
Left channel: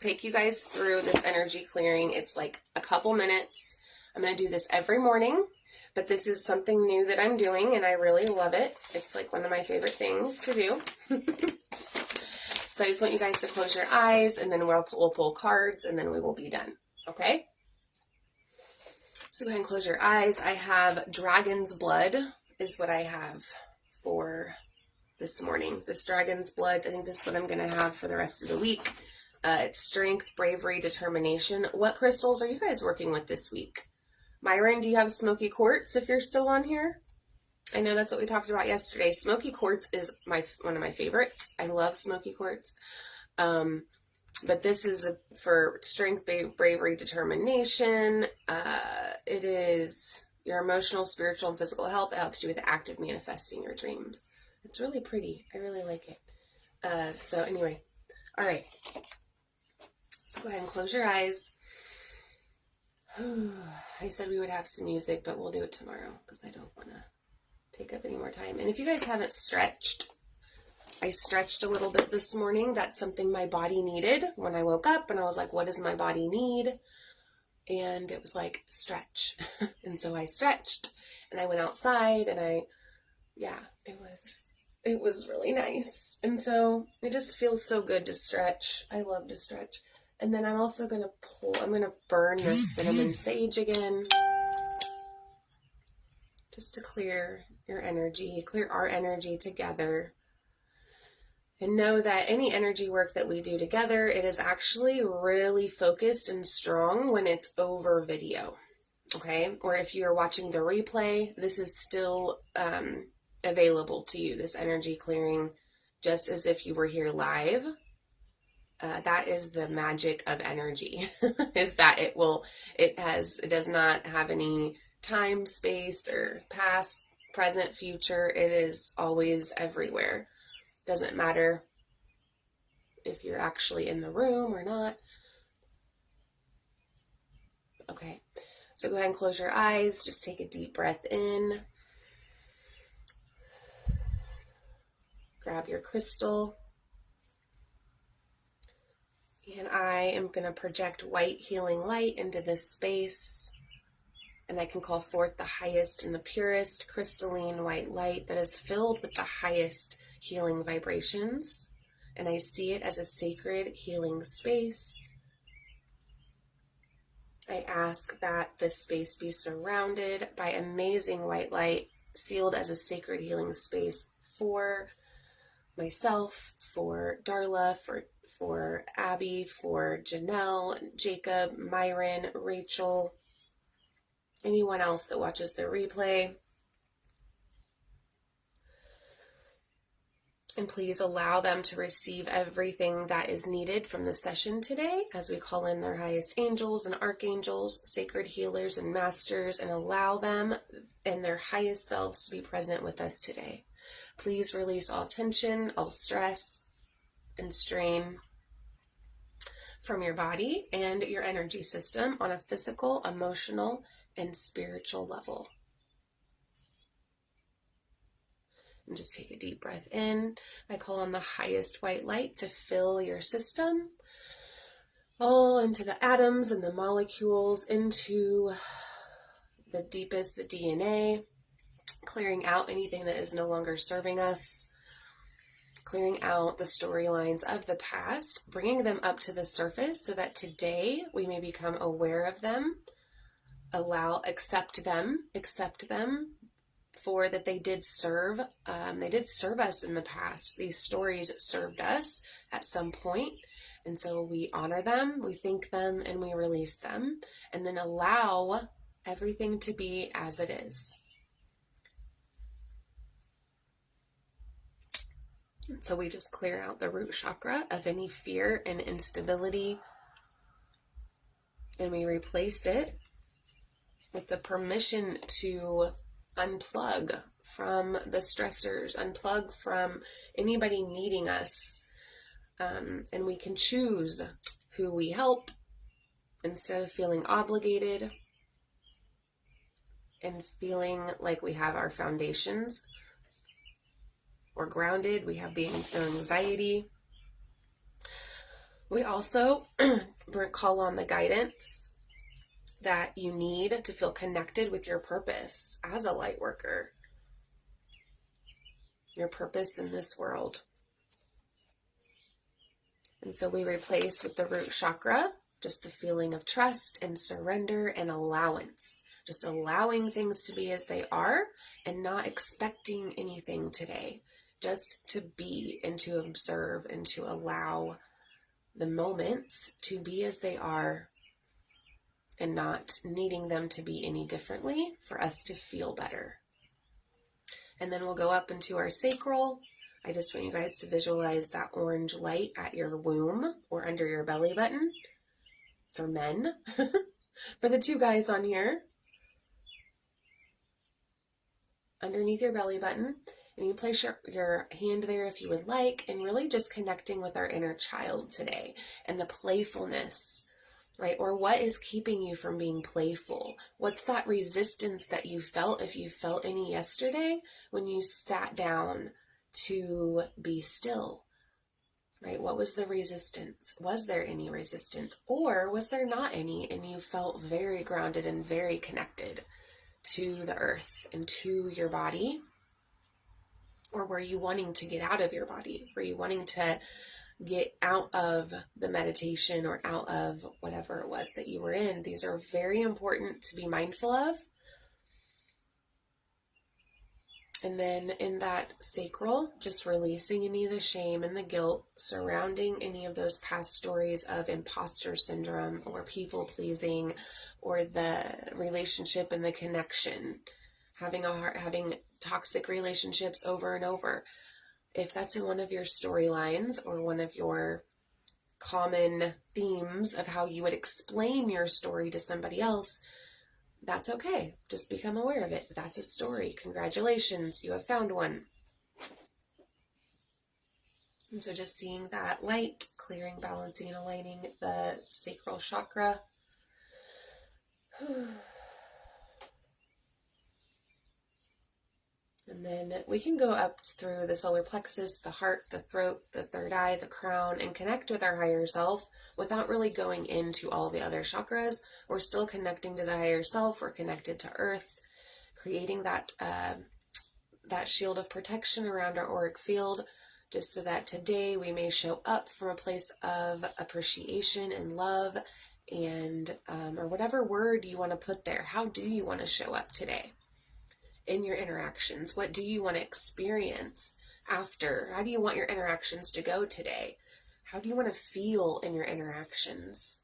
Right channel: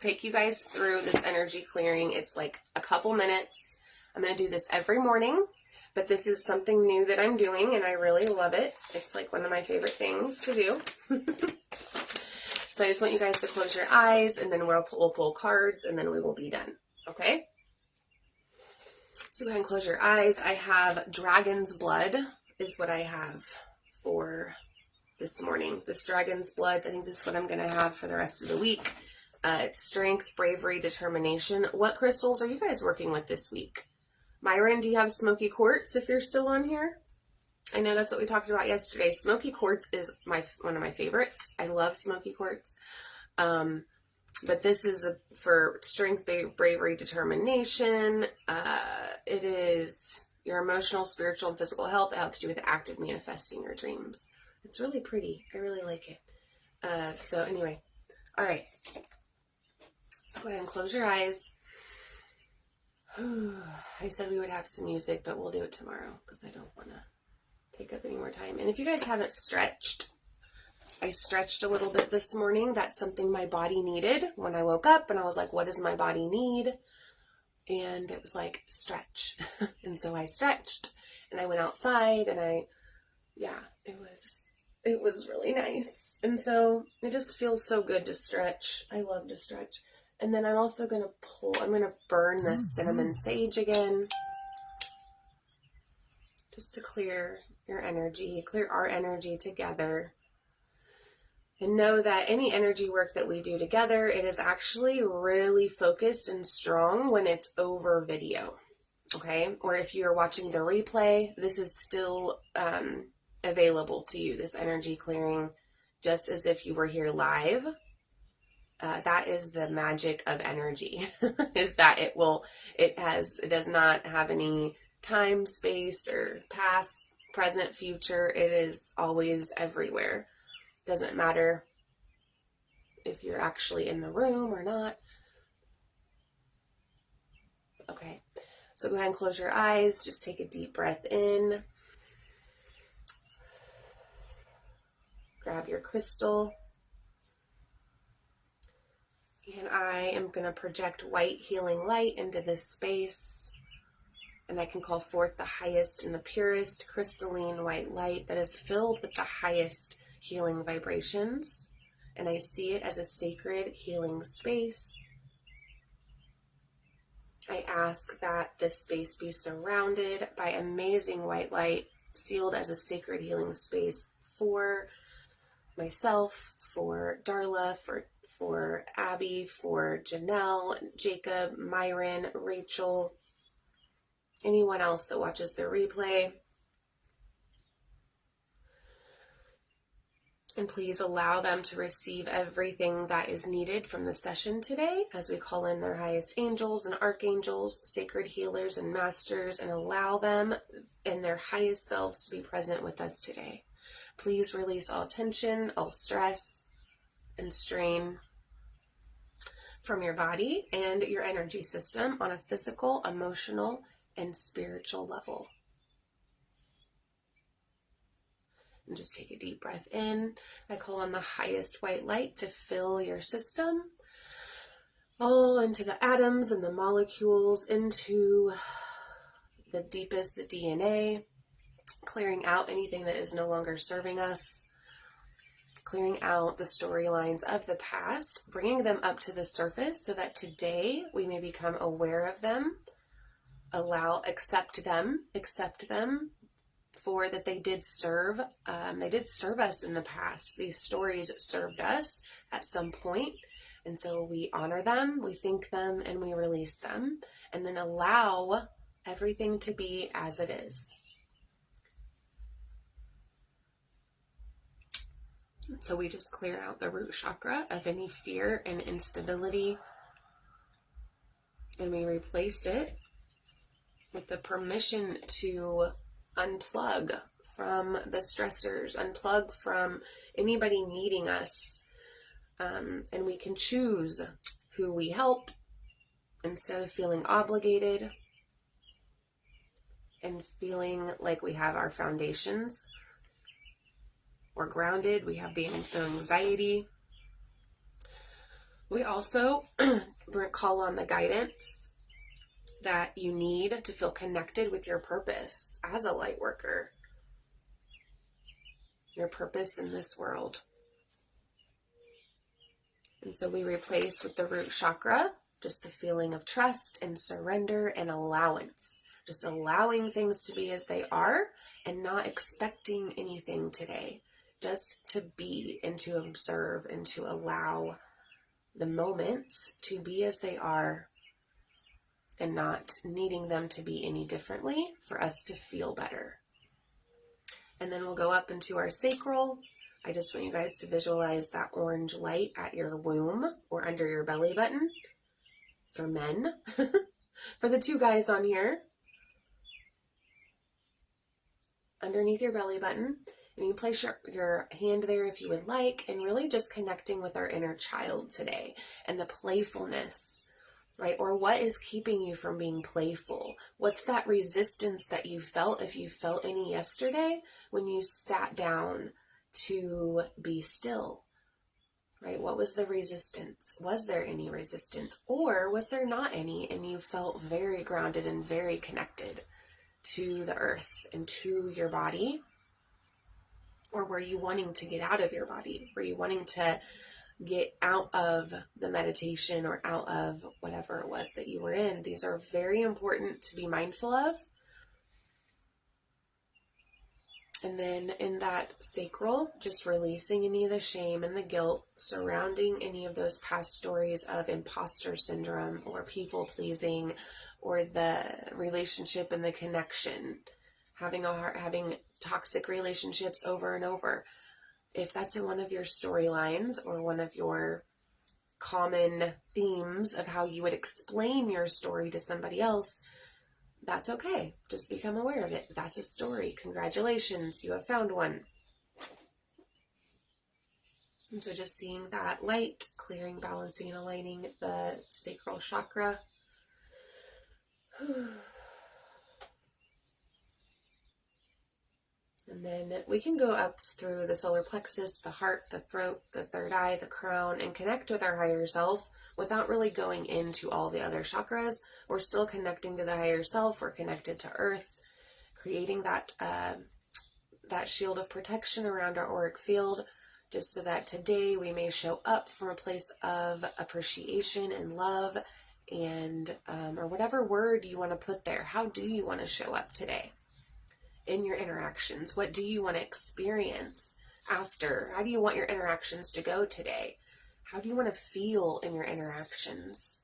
take you guys through this energy clearing. It's like a couple minutes. I'm going to do this every morning, but this is something new that I'm doing and I really love it. It's like one of my favorite things to do. So I just want you guys to close your eyes and then we'll pull cards and then we will be done. Okay? So go ahead and close your eyes. I have Dragon's Blood is what I have for this morning. This Dragon's Blood, I think this is what I'm going to have for the rest of the week. It's strength, bravery, determination. What crystals are you guys working with this week? Myron, do you have smoky quartz if you're still on here? I know that's what we talked about yesterday. Smoky quartz is one of my favorites. I love smoky quartz. But this is for strength, bravery, determination. It is your emotional, spiritual, and physical health. It helps you with active manifesting your dreams. It's really pretty. I really like it. So anyway, all right. So go ahead and close your eyes. I said we would have some music, but we'll do it tomorrow because I don't want to take up any more time. And if you guys haven't stretched, I stretched a little bit this morning. That's something my body needed when I woke up and I was like, what does my body need? And it was like, stretch. And so I stretched and I went outside and it was really nice. And so it just feels so good to stretch. I love to stretch. And then I'm also going to I'm going to burn this cinnamon sage again. Just to clear your energy, clear our energy together. And know that any energy work that we do together, it is actually really focused and strong when it's over video. Okay? Or if you're watching the replay, this is still available to you, this energy clearing, just as if you were here live. That is the magic of energy, is that it does not have any time, space, or past, present, future. It is always everywhere. Doesn't matter if you're actually in the room or not. Okay, so go ahead and close your eyes. Just take a deep breath in. Grab your crystal. And I am going to project white healing light into this space. And I can call forth the highest and the purest crystalline white light that is filled with the highest healing vibrations. And I see it as a sacred healing space. I ask that this space be surrounded by amazing white light, sealed as a sacred healing space for myself, for Darla, for Abby, for Janelle, Jacob, Myron, Rachel, anyone else that watches the replay. And please allow them to receive everything that is needed from the session today as we call in their highest angels and archangels, sacred healers and masters, and allow them and their highest selves to be present with us today. Please release all tension, all stress, and strain from your body and your energy system on a physical, emotional, and spiritual level. And just take a deep breath in. I call on the highest white light to fill your system, all into the atoms and the molecules, into the deepest, the DNA, clearing out anything that is no longer serving us, clearing out the storylines of the past, bringing them up to the surface so that today we may become aware of them, accept them, for that they did serve us in the past. These stories served us at some point, and so we honor them, we thank them, and we release them, and then allow everything to be as it is. And so we just clear out the root chakra of any fear and instability And we replace it with the permission to unplug from the stressors, unplug from anybody needing us. And we can choose who we help instead of feeling obligated and feeling like we have our foundations. We're grounded. We have the anxiety. We also call on the guidance that you need to feel connected with your purpose as a light worker. Your purpose in this world. And so we replace with the root chakra, just the feeling of trust and surrender and allowance. Just allowing things to be as they are and not expecting anything today. Just to be and to observe and to allow the moments to be as they are and not needing them to be any differently for us to feel better. And then we'll go up into our sacral. I just want you guys to visualize that orange light at your womb or under your belly button for men. For the 2 guys on here, underneath your belly button. And you place your hand there if you would like, and really just connecting with our inner child today and the playfulness, right? Or what is keeping you from being playful? What's that resistance that you felt, if you felt any yesterday, when you sat down to be still, right? What was the resistance? Was there any resistance, or was there not any, and you felt very grounded and very connected to the earth and to your body? Or were you wanting to get out of your body? Were you wanting to get out of the meditation or out of whatever it was that you were in? These are very important to be mindful of. And then in that sacral, just releasing any of the shame and the guilt surrounding any of those past stories of imposter syndrome or people pleasing or the relationship and the connection, having toxic relationships over and over. If that's in one of your storylines or one of your common themes of how you would explain your story to somebody else, that's okay. Just become aware of it. That's a story. Congratulations, you have found one. And so just seeing that light, clearing, balancing, and aligning the sacral chakra. And then we can go up through the solar plexus, the heart, the throat, the third eye, the crown, and connect with our higher self without really going into all the other chakras. We're still connecting to the higher self. We're connected to earth, creating that shield of protection around our auric field, just so that today we may show up from a place of appreciation and love and, or whatever word you want to put there. How do you want to show up today? In your interactions, what do you want to experience after? How do you want your interactions to go today? How do you want to feel in your interactions?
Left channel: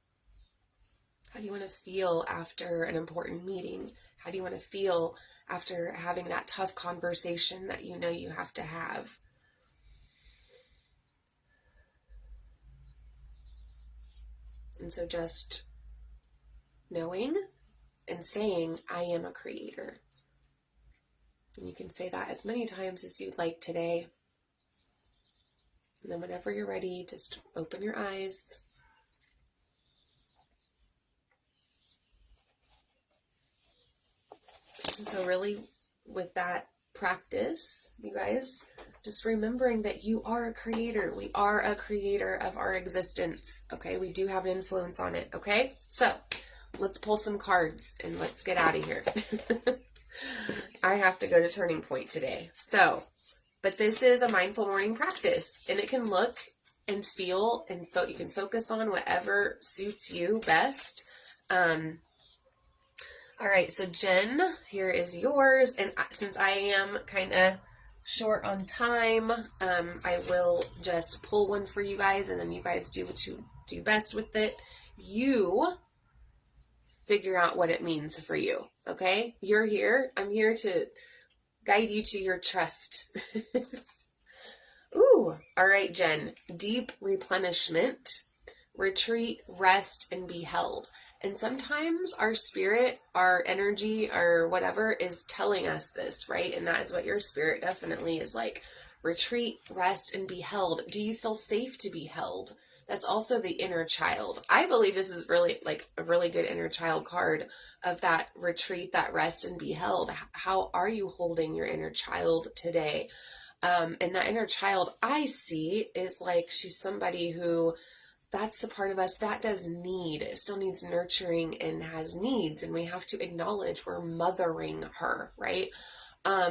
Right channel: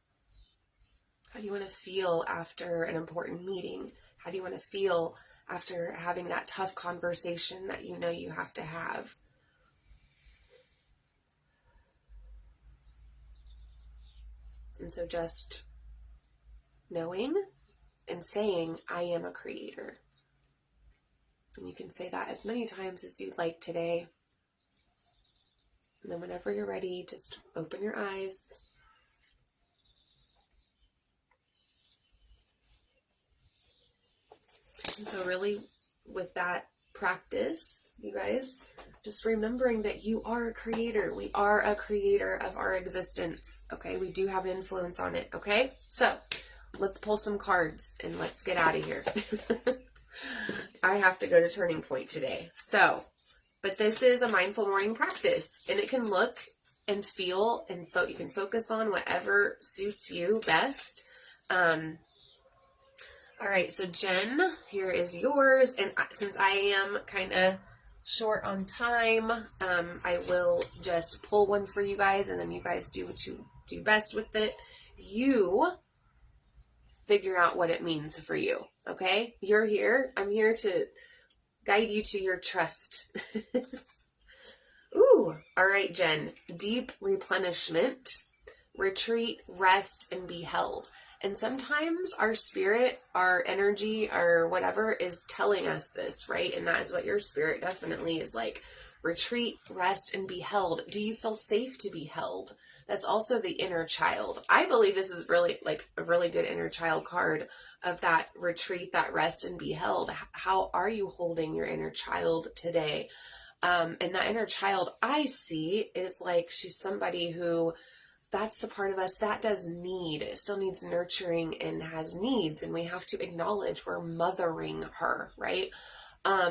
How do you want to feel after an important meeting? How do you want to feel after having that tough conversation that you know you have to have? And so just knowing and saying, I am a creator. And you can say that as many times as you'd like today. And then whenever you're ready, just open your eyes. And so really, with that practice, you guys, just remembering that you are a creator. We are a creator of our existence, okay? We do have an influence on it, okay? So, let's pull some cards and let's get out of here. I have to go to Turning Point today. So, but this is a mindful morning practice, and it can look and feel and you can focus on whatever suits you best. All right, so Jen, here is yours, and since I am kind of short on time, I will just pull one for you guys, and then you guys do what you do best with it. You figure out what it means for you, okay? You're here. I'm here to guide you to your trust. Ooh, all right, Jen. Deep replenishment, retreat, rest, and be held. And sometimes our spirit, our energy, our whatever is telling us this, right? And that is what your spirit definitely is like. Retreat, rest, and be held. Do you feel safe to be held? That's also the inner child. I believe this is really like a really good inner child card of that retreat, that rest, and be held. How are you holding your inner child today? And that inner child I see is like she's somebody who, that's the part of us that does need, it still needs nurturing and has needs. And we have to acknowledge we're mothering her, right?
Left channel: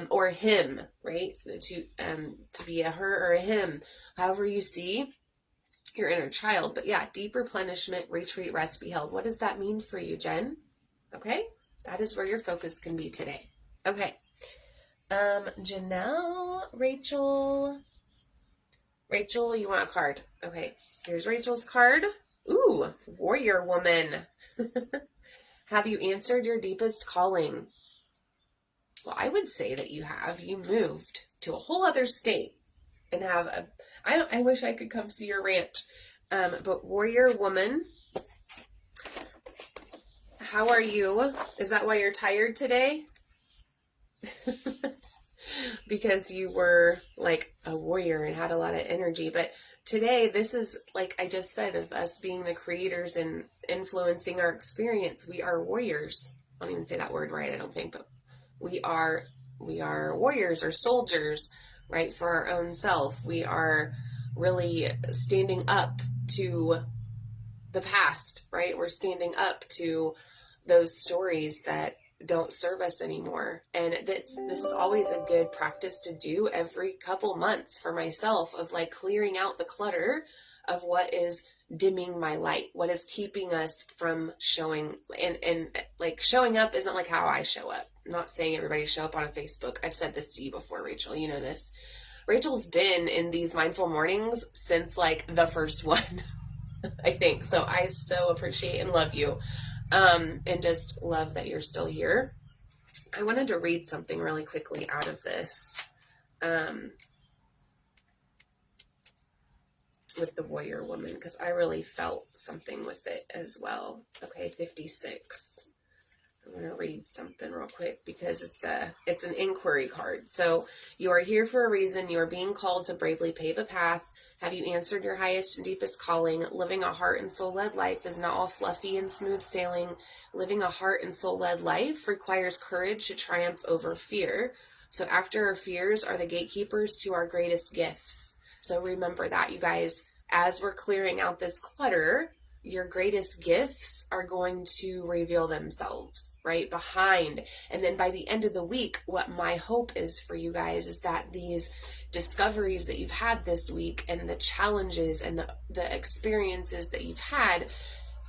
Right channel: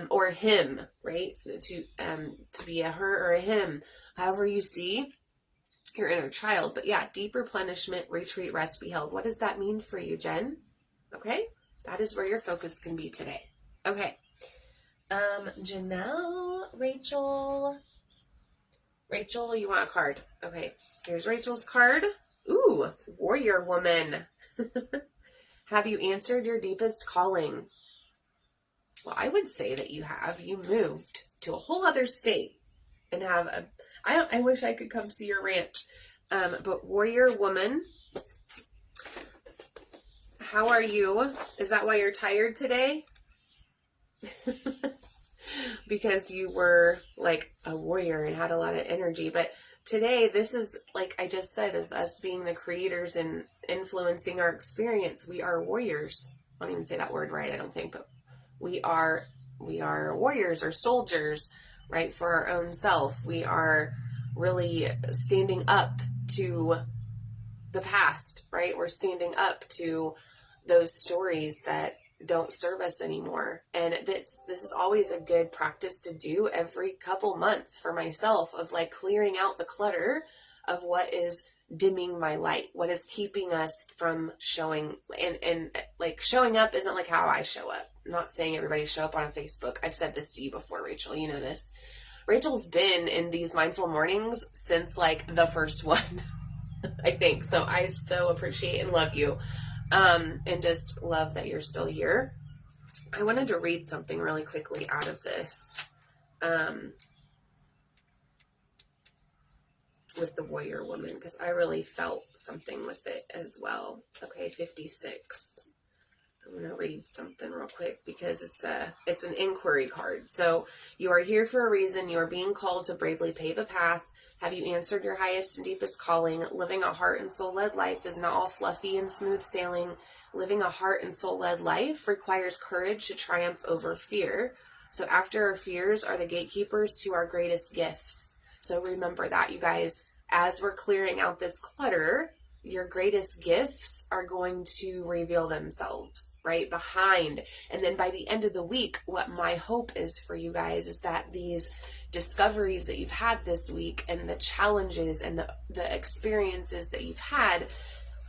Or him, right? To be a her or a him, however you see your inner child. But yeah, deep replenishment, retreat, rest, be held. What does that mean for you, Jen? Okay, that is where your focus can be today. Okay, Janelle, Rachel, you want a card? Okay, here's Rachel's card. Ooh, warrior woman. Have you answered your deepest calling? Well, I would say that you have. You moved to a whole other state and have a, I wish I could come see your ranch. But warrior woman, how are you? Is that why you're tired today? Because you were like a warrior and had a lot of energy. But today, this is, like I just said, of us being the creators and influencing our experience. We are warriors. I don't even say that word right, I don't think, but we are warriors or soldiers, right, for our own self. We are really standing up to the past, right? We're standing up to those stories that don't serve us anymore. And this is always a good practice to do every couple months for myself, of like clearing out the clutter of what is dimming my light, what is keeping us from showing, and like showing up isn't like how I show up. I'm not saying everybody show up on Facebook. I've said this to you before, Rachel, you know this. Rachel's been in these mindful mornings since like the first one, I think. So I so appreciate and love you. And just love that you're still here. I wanted to read something really quickly out of this. With the warrior woman, because I really felt something with it as well. Okay, 56. I'm going to read something real quick because it's an inquiry card. So, you are here for a reason. You are being called to bravely pave a path. Have you answered your highest and deepest calling? Living a heart and soul-led life is not all fluffy and smooth sailing. Living a heart and soul-led life requires courage to triumph over fear. So after our fears are the gatekeepers to our greatest gifts. So remember that, you guys. As we're clearing out this clutter, your greatest gifts are going to reveal themselves right behind. And then by the end of the week, what my hope is for you guys is that these discoveries that you've had this week and the challenges and the experiences that you've had,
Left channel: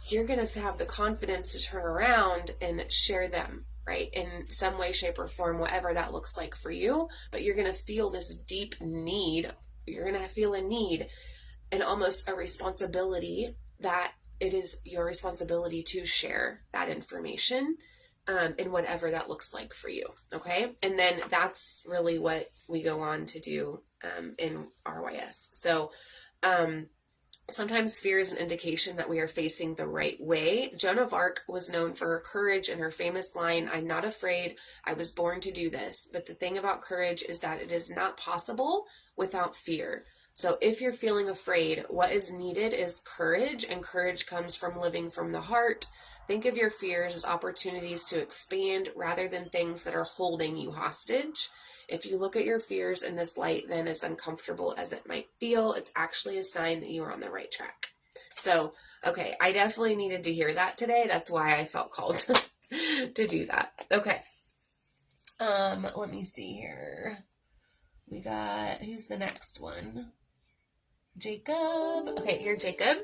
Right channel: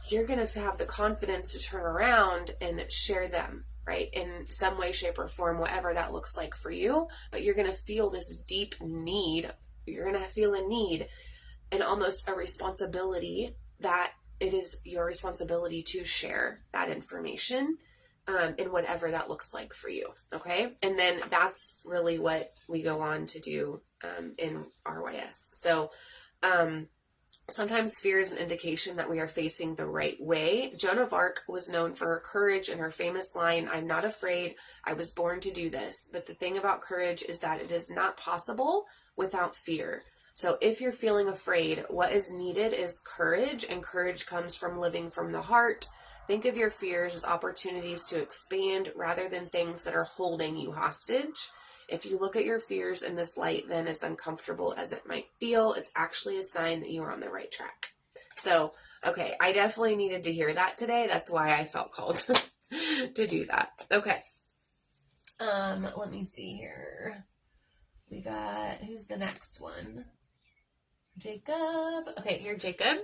you're going to have the confidence to turn around and share them, right? In some way, shape, or form, whatever that looks like for you. But you're going to feel this deep need. You're going to feel a need and almost a responsibility that it is your responsibility to share that information in whatever that looks like for you, okay? And then that's really what we go on to do in RYS. So sometimes fear is an indication that we are facing the right way. Joan of Arc was known for her courage and her famous line, "I'm not afraid, I was born to do this." But the thing about courage is that it is not possible without fear. So if you're feeling afraid, what is needed is courage, and courage comes from living from the heart. Think of your fears as opportunities to expand rather than things that are holding you hostage. If you look at your fears in this light, then as uncomfortable as it might feel, it's actually a sign that you are on the right track. So, okay, I definitely needed to hear that today. That's why I felt called to do that. Okay. Let me see here. We got, who's the next one? Jacob. Okay, here, Jacob.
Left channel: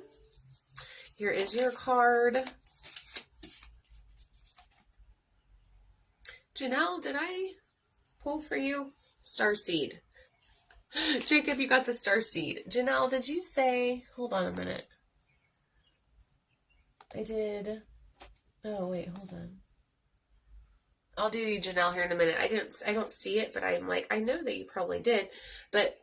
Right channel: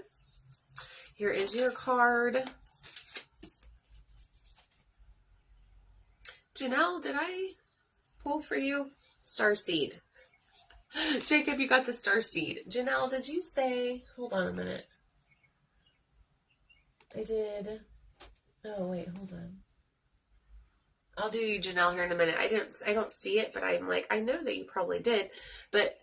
Here is your card. Janelle, did I pull for you? Starseed. Jacob, you got the Starseed. Janelle, did you say, hold on a minute. I did. Oh, wait, hold on. I'll do you, Janelle, here in a minute. I don't see it, but I'm like, I know that you probably did. But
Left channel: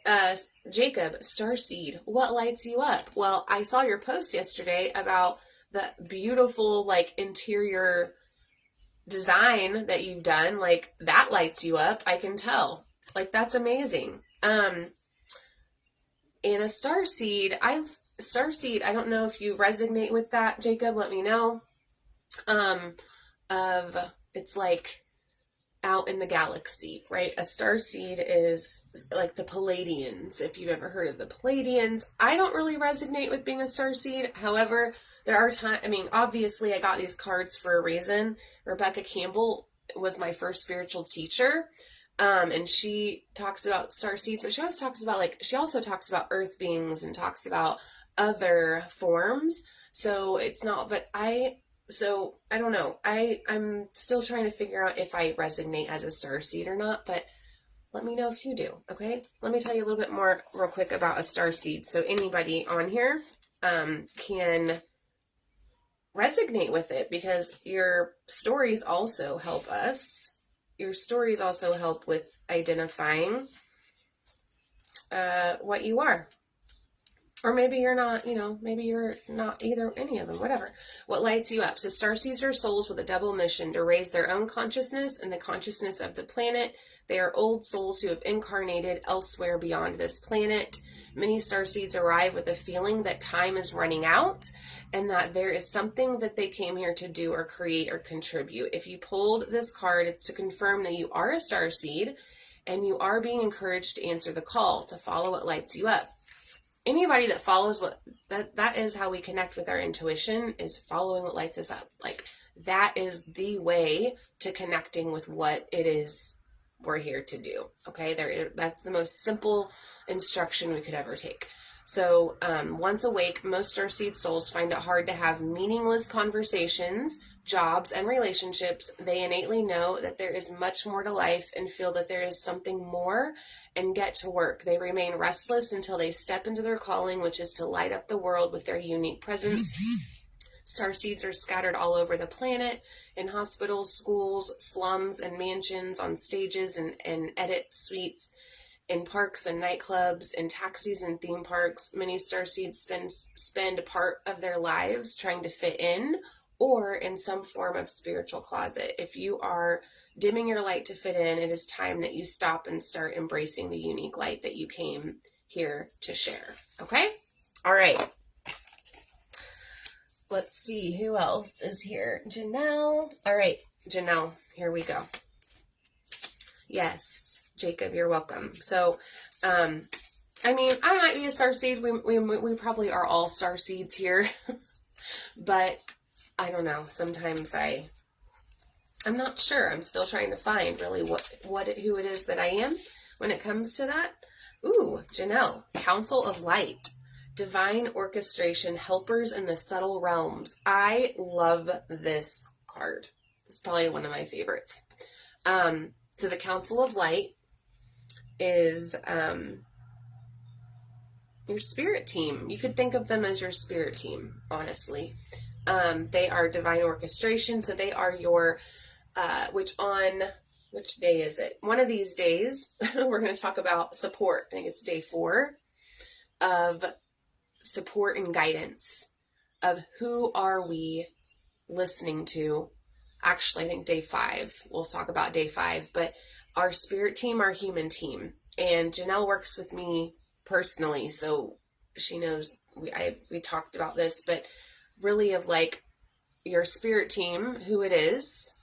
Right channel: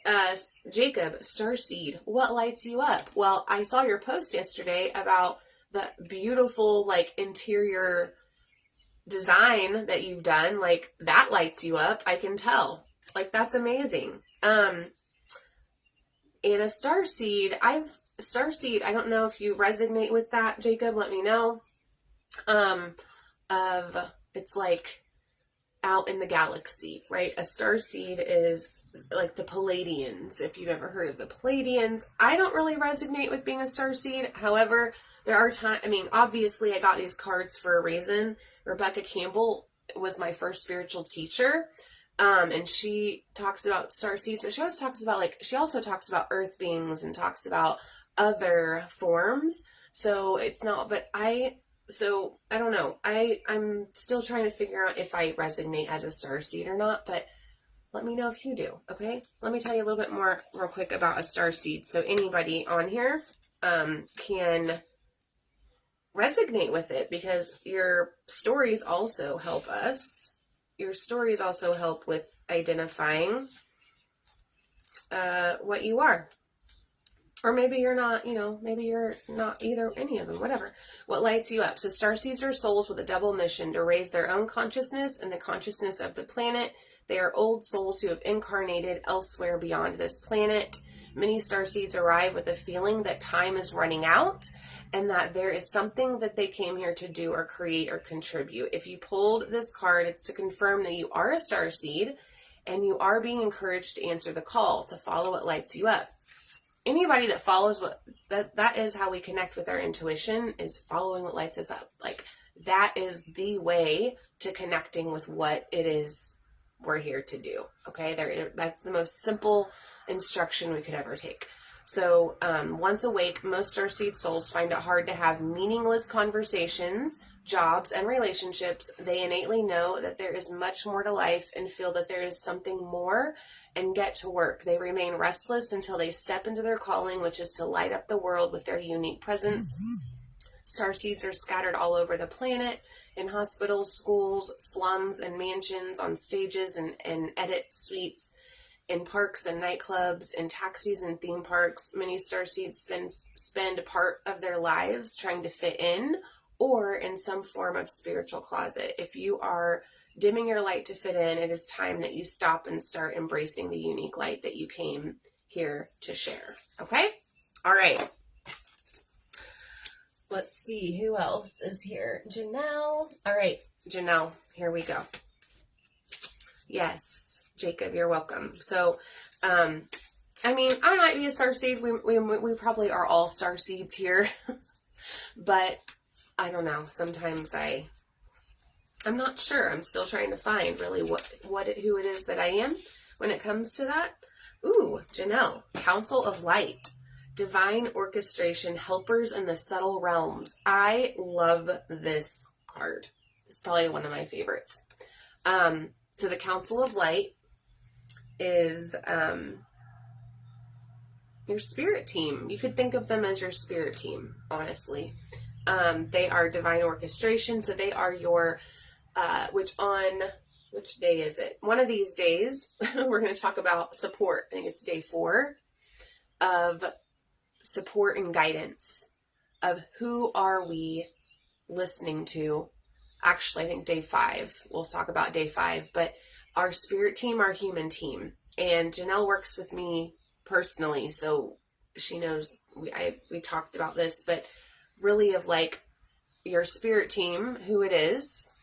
Jacob, Starseed, what lights you up? Well, I saw your post yesterday about that beautiful, like, interior design that you've done, like, that lights you up. I can tell. Like, that's amazing. And a starseed, I don't know if you resonate with that, Jacob, let me know. It's like out in the galaxy, right? A starseed is like the Palladians, if you've ever heard of the Palladians. I don't really resonate with being a starseed. However, there are times, I mean, obviously I got these cards for a reason. Rebecca Campbell was my first spiritual teacher. And she talks about starseeds, but she also talks about earth beings and talks about other forms. So it's not, but I don't know. I'm still trying to figure out if I resonate as a starseed or not, but let me know if you do, okay? Let me tell you a little bit more real quick about a starseed. So anybody on here can resonate with it, because your stories also help us. Your stories also help with identifying what you are. Or maybe you're not, maybe you're not either, any of them, whatever. What lights you up? So starseeds are souls with a double mission to raise their own consciousness and the consciousness of the planet. They are old souls who have incarnated elsewhere beyond this planet. Many starseeds arrive with a feeling that time is running out and that there is something that they came here to do or create or contribute. If you pulled this card, it's to confirm that you are a starseed and you are being encouraged to answer the call, to follow what lights you up. Anybody that follows that is how we connect with our intuition, is following what lights us up. Like, that is the way to connecting with what it is we're here to do. Okay, that's the most simple instruction we could ever take. So once awake, most starseed souls find it hard to have meaningless conversations, jobs, and relationships. They innately know that there is much more to life and feel that there is something more and get to work. They remain restless until they step into their calling, which is to light up the world with their unique presence. Starseeds are scattered all over the planet, in hospitals, schools, slums, and mansions, on stages and edit suites, in parks and nightclubs, in taxis and theme parks. Many starseeds spend part of their lives trying to fit in, or in some form of spiritual closet. If you are dimming your light to fit in, it is time that you stop and start embracing the unique light that you came here to share. Okay? All right. Let's see who else is here. Janelle. All right, Janelle, here we go. Yes, Jacob, you're welcome. So, I mean, I might be a starseed. We probably are all starseeds here, but I don't know. Sometimes I'm not sure. I'm still trying to find really who it is that I am when it comes to that. Ooh, Janelle, Council of Light, Divine Orchestration, Helpers in the Subtle Realms. I love this card. It's probably one of my favorites. So the Council of Light is your spirit team. You could think of them as your spirit team, honestly. They are divine orchestration, so they are your, which day is it? One of these days, we're going to talk about support. I think it's day 4 of support and guidance, of who are we listening to. Actually, I think day 5, we'll talk about day 5, but our spirit team, our human team. And Janelle works with me personally, so she knows we talked about this, but really of like your spirit team, who it is,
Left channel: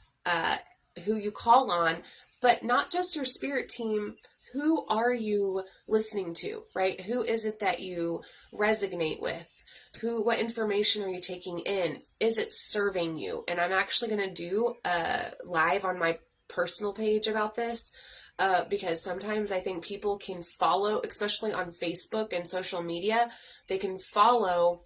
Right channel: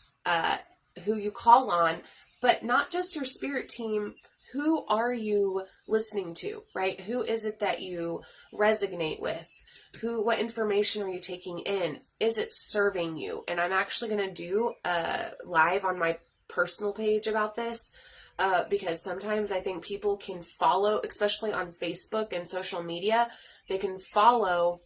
who you call on, but not just your spirit team. Who are you listening to, right? Who is it that you resonate with? What information are you taking in? Is it serving you? And I'm actually going to do a live on my personal page about this, because sometimes I think people can follow, especially on Facebook and social media, they can follow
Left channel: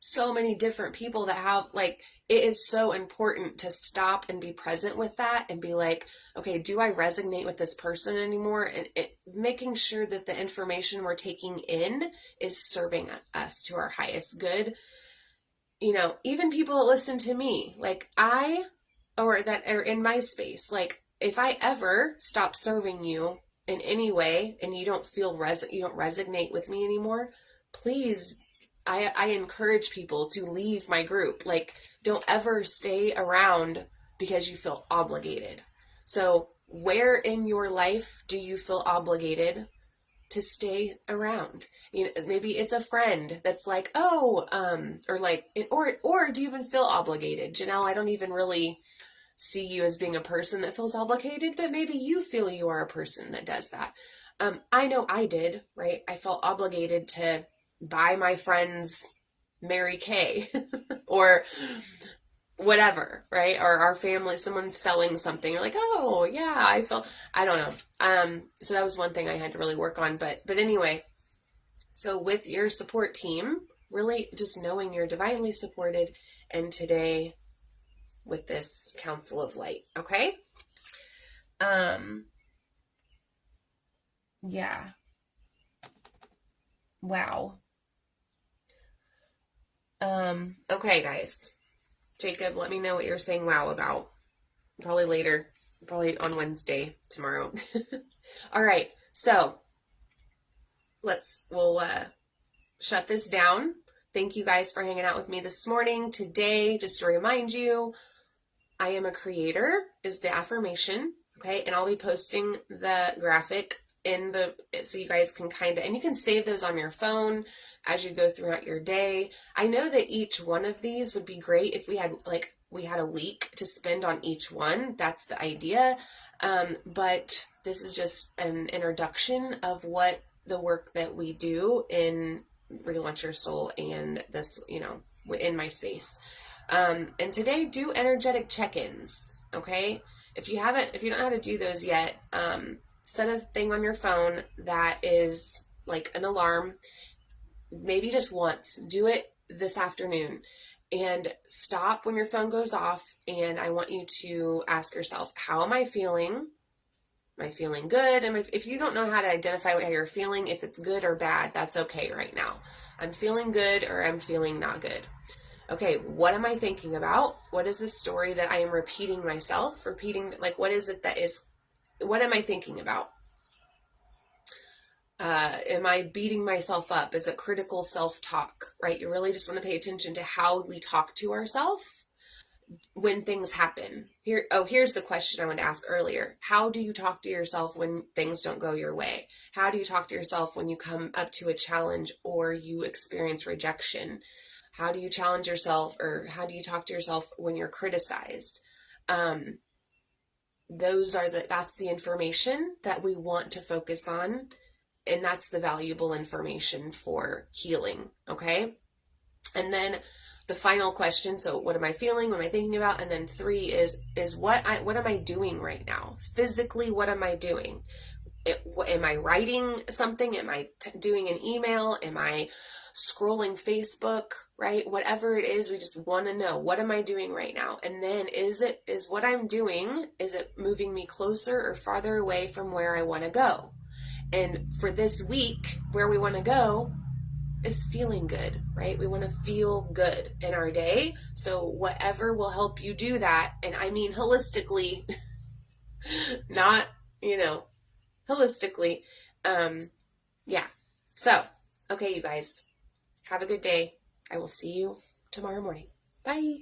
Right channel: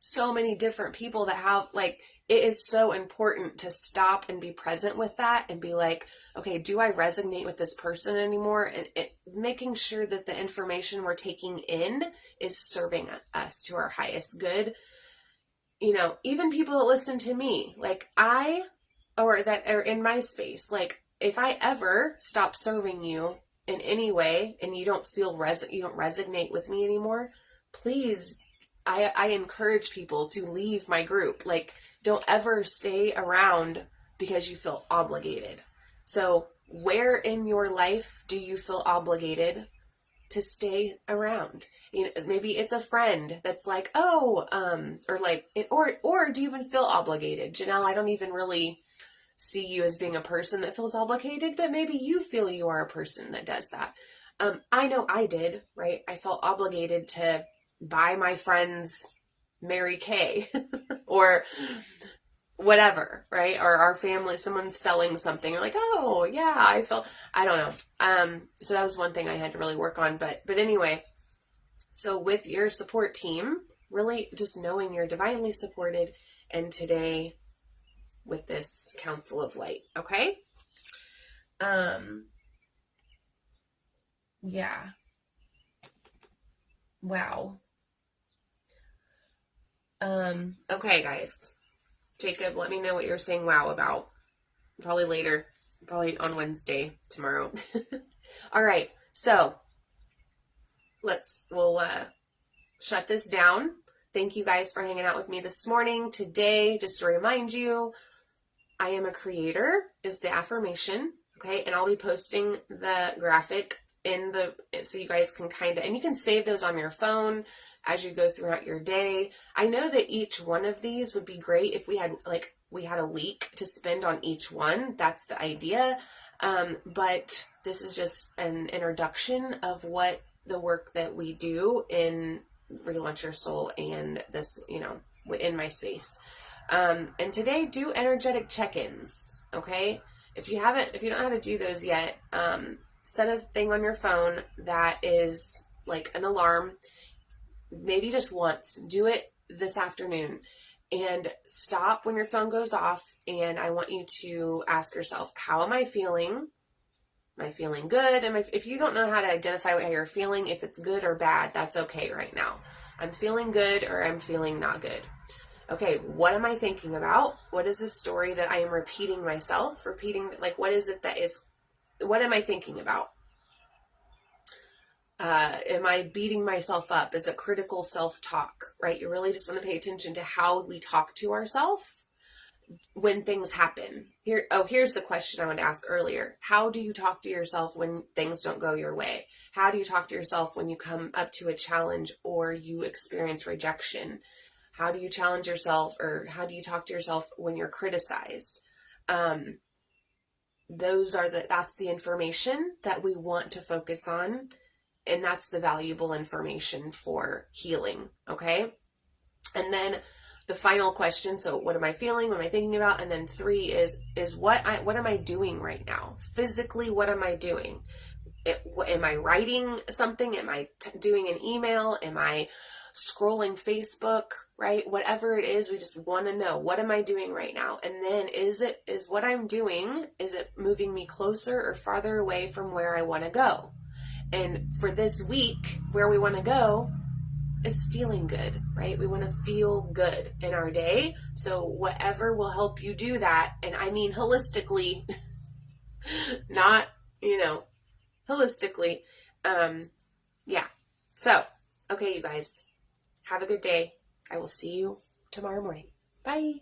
so many different people that have, like, it is so important to stop and be present with that and be like, okay, do I resonate with this person anymore? And making sure that the information we're taking in is serving us to our highest good. You know, even people that listen to me, like or that are in my space, like if I ever stop serving you in any way and you don't feel you don't resonate with me anymore, please I encourage people to leave my group. Like, don't ever stay around because you feel obligated. So where in your life do you feel obligated to stay around? You know, maybe it's a friend that's like, oh, or do you even feel obligated? Janelle, I don't even really see you as being a person that feels obligated, but maybe you feel you are a person that does that. I know I did, right? I felt obligated to buy my friends Mary Kay or whatever, right? Or our family, someone's selling something. You're like, oh yeah, I don't know. So that was one thing I had to really work on. But anyway, so with your support team, really just knowing you're divinely supported, and today with this Council of Light, okay? Yeah. Wow. Okay, guys. Jacob, let me know what you're saying wow about. Probably later. Probably on Wednesday, tomorrow. All right. So, we'll shut this down. Thank you guys for hanging out with me this morning. Today, just to remind you, I am a creator is the affirmation. Okay. And I'll be posting the graphic so you guys can and you can save those on your phone as you go throughout your day. I know that each one of these would be great if we had a week to spend on each one. That's the idea. But this is just an introduction of what the work that we do in Relaunch Your Soul and this, in my space. And today, do energetic check-ins. Okay. If you don't know how to do those yet, set a thing on your phone that is like an alarm, maybe just once. Do it this afternoon and stop when your phone goes off. And I want you to ask yourself, how am I feeling? Am I feeling good? If you don't know how to identify how you're feeling, if it's good or bad, that's okay right now. I'm feeling good or I'm feeling not good. Okay, what am I thinking about? What is this story that I am repeating myself? What is it what am I thinking about? Am I beating myself up? Is it critical self-talk, right? You really just want to pay attention to how we talk to ourselves when things happen. Here's the question I wanted to ask earlier. How do you talk to yourself when things don't go your way? How do you talk to yourself when you come up to a challenge or you experience rejection? How do you challenge yourself, or how do you talk to yourself when you're criticized? That's the information that we want to focus on, and that's the valuable information for healing, okay? And then the final question, so what am I feeling? What am I thinking about? And then 3 is what am I doing right now? Physically, what am I doing? Am I writing something? Am I doing an email? Am I scrolling Facebook, right? Whatever it is, we just want to know, what am I doing right now? And then is what I'm doing, is it moving me closer or farther away from where I want to go? And for this week, where we want to go is feeling good, right? We want to feel good in our day. So whatever will help you do that, and I mean holistically, not, holistically. Yeah. So, okay, you guys, have a good day. I will see you tomorrow morning. Bye.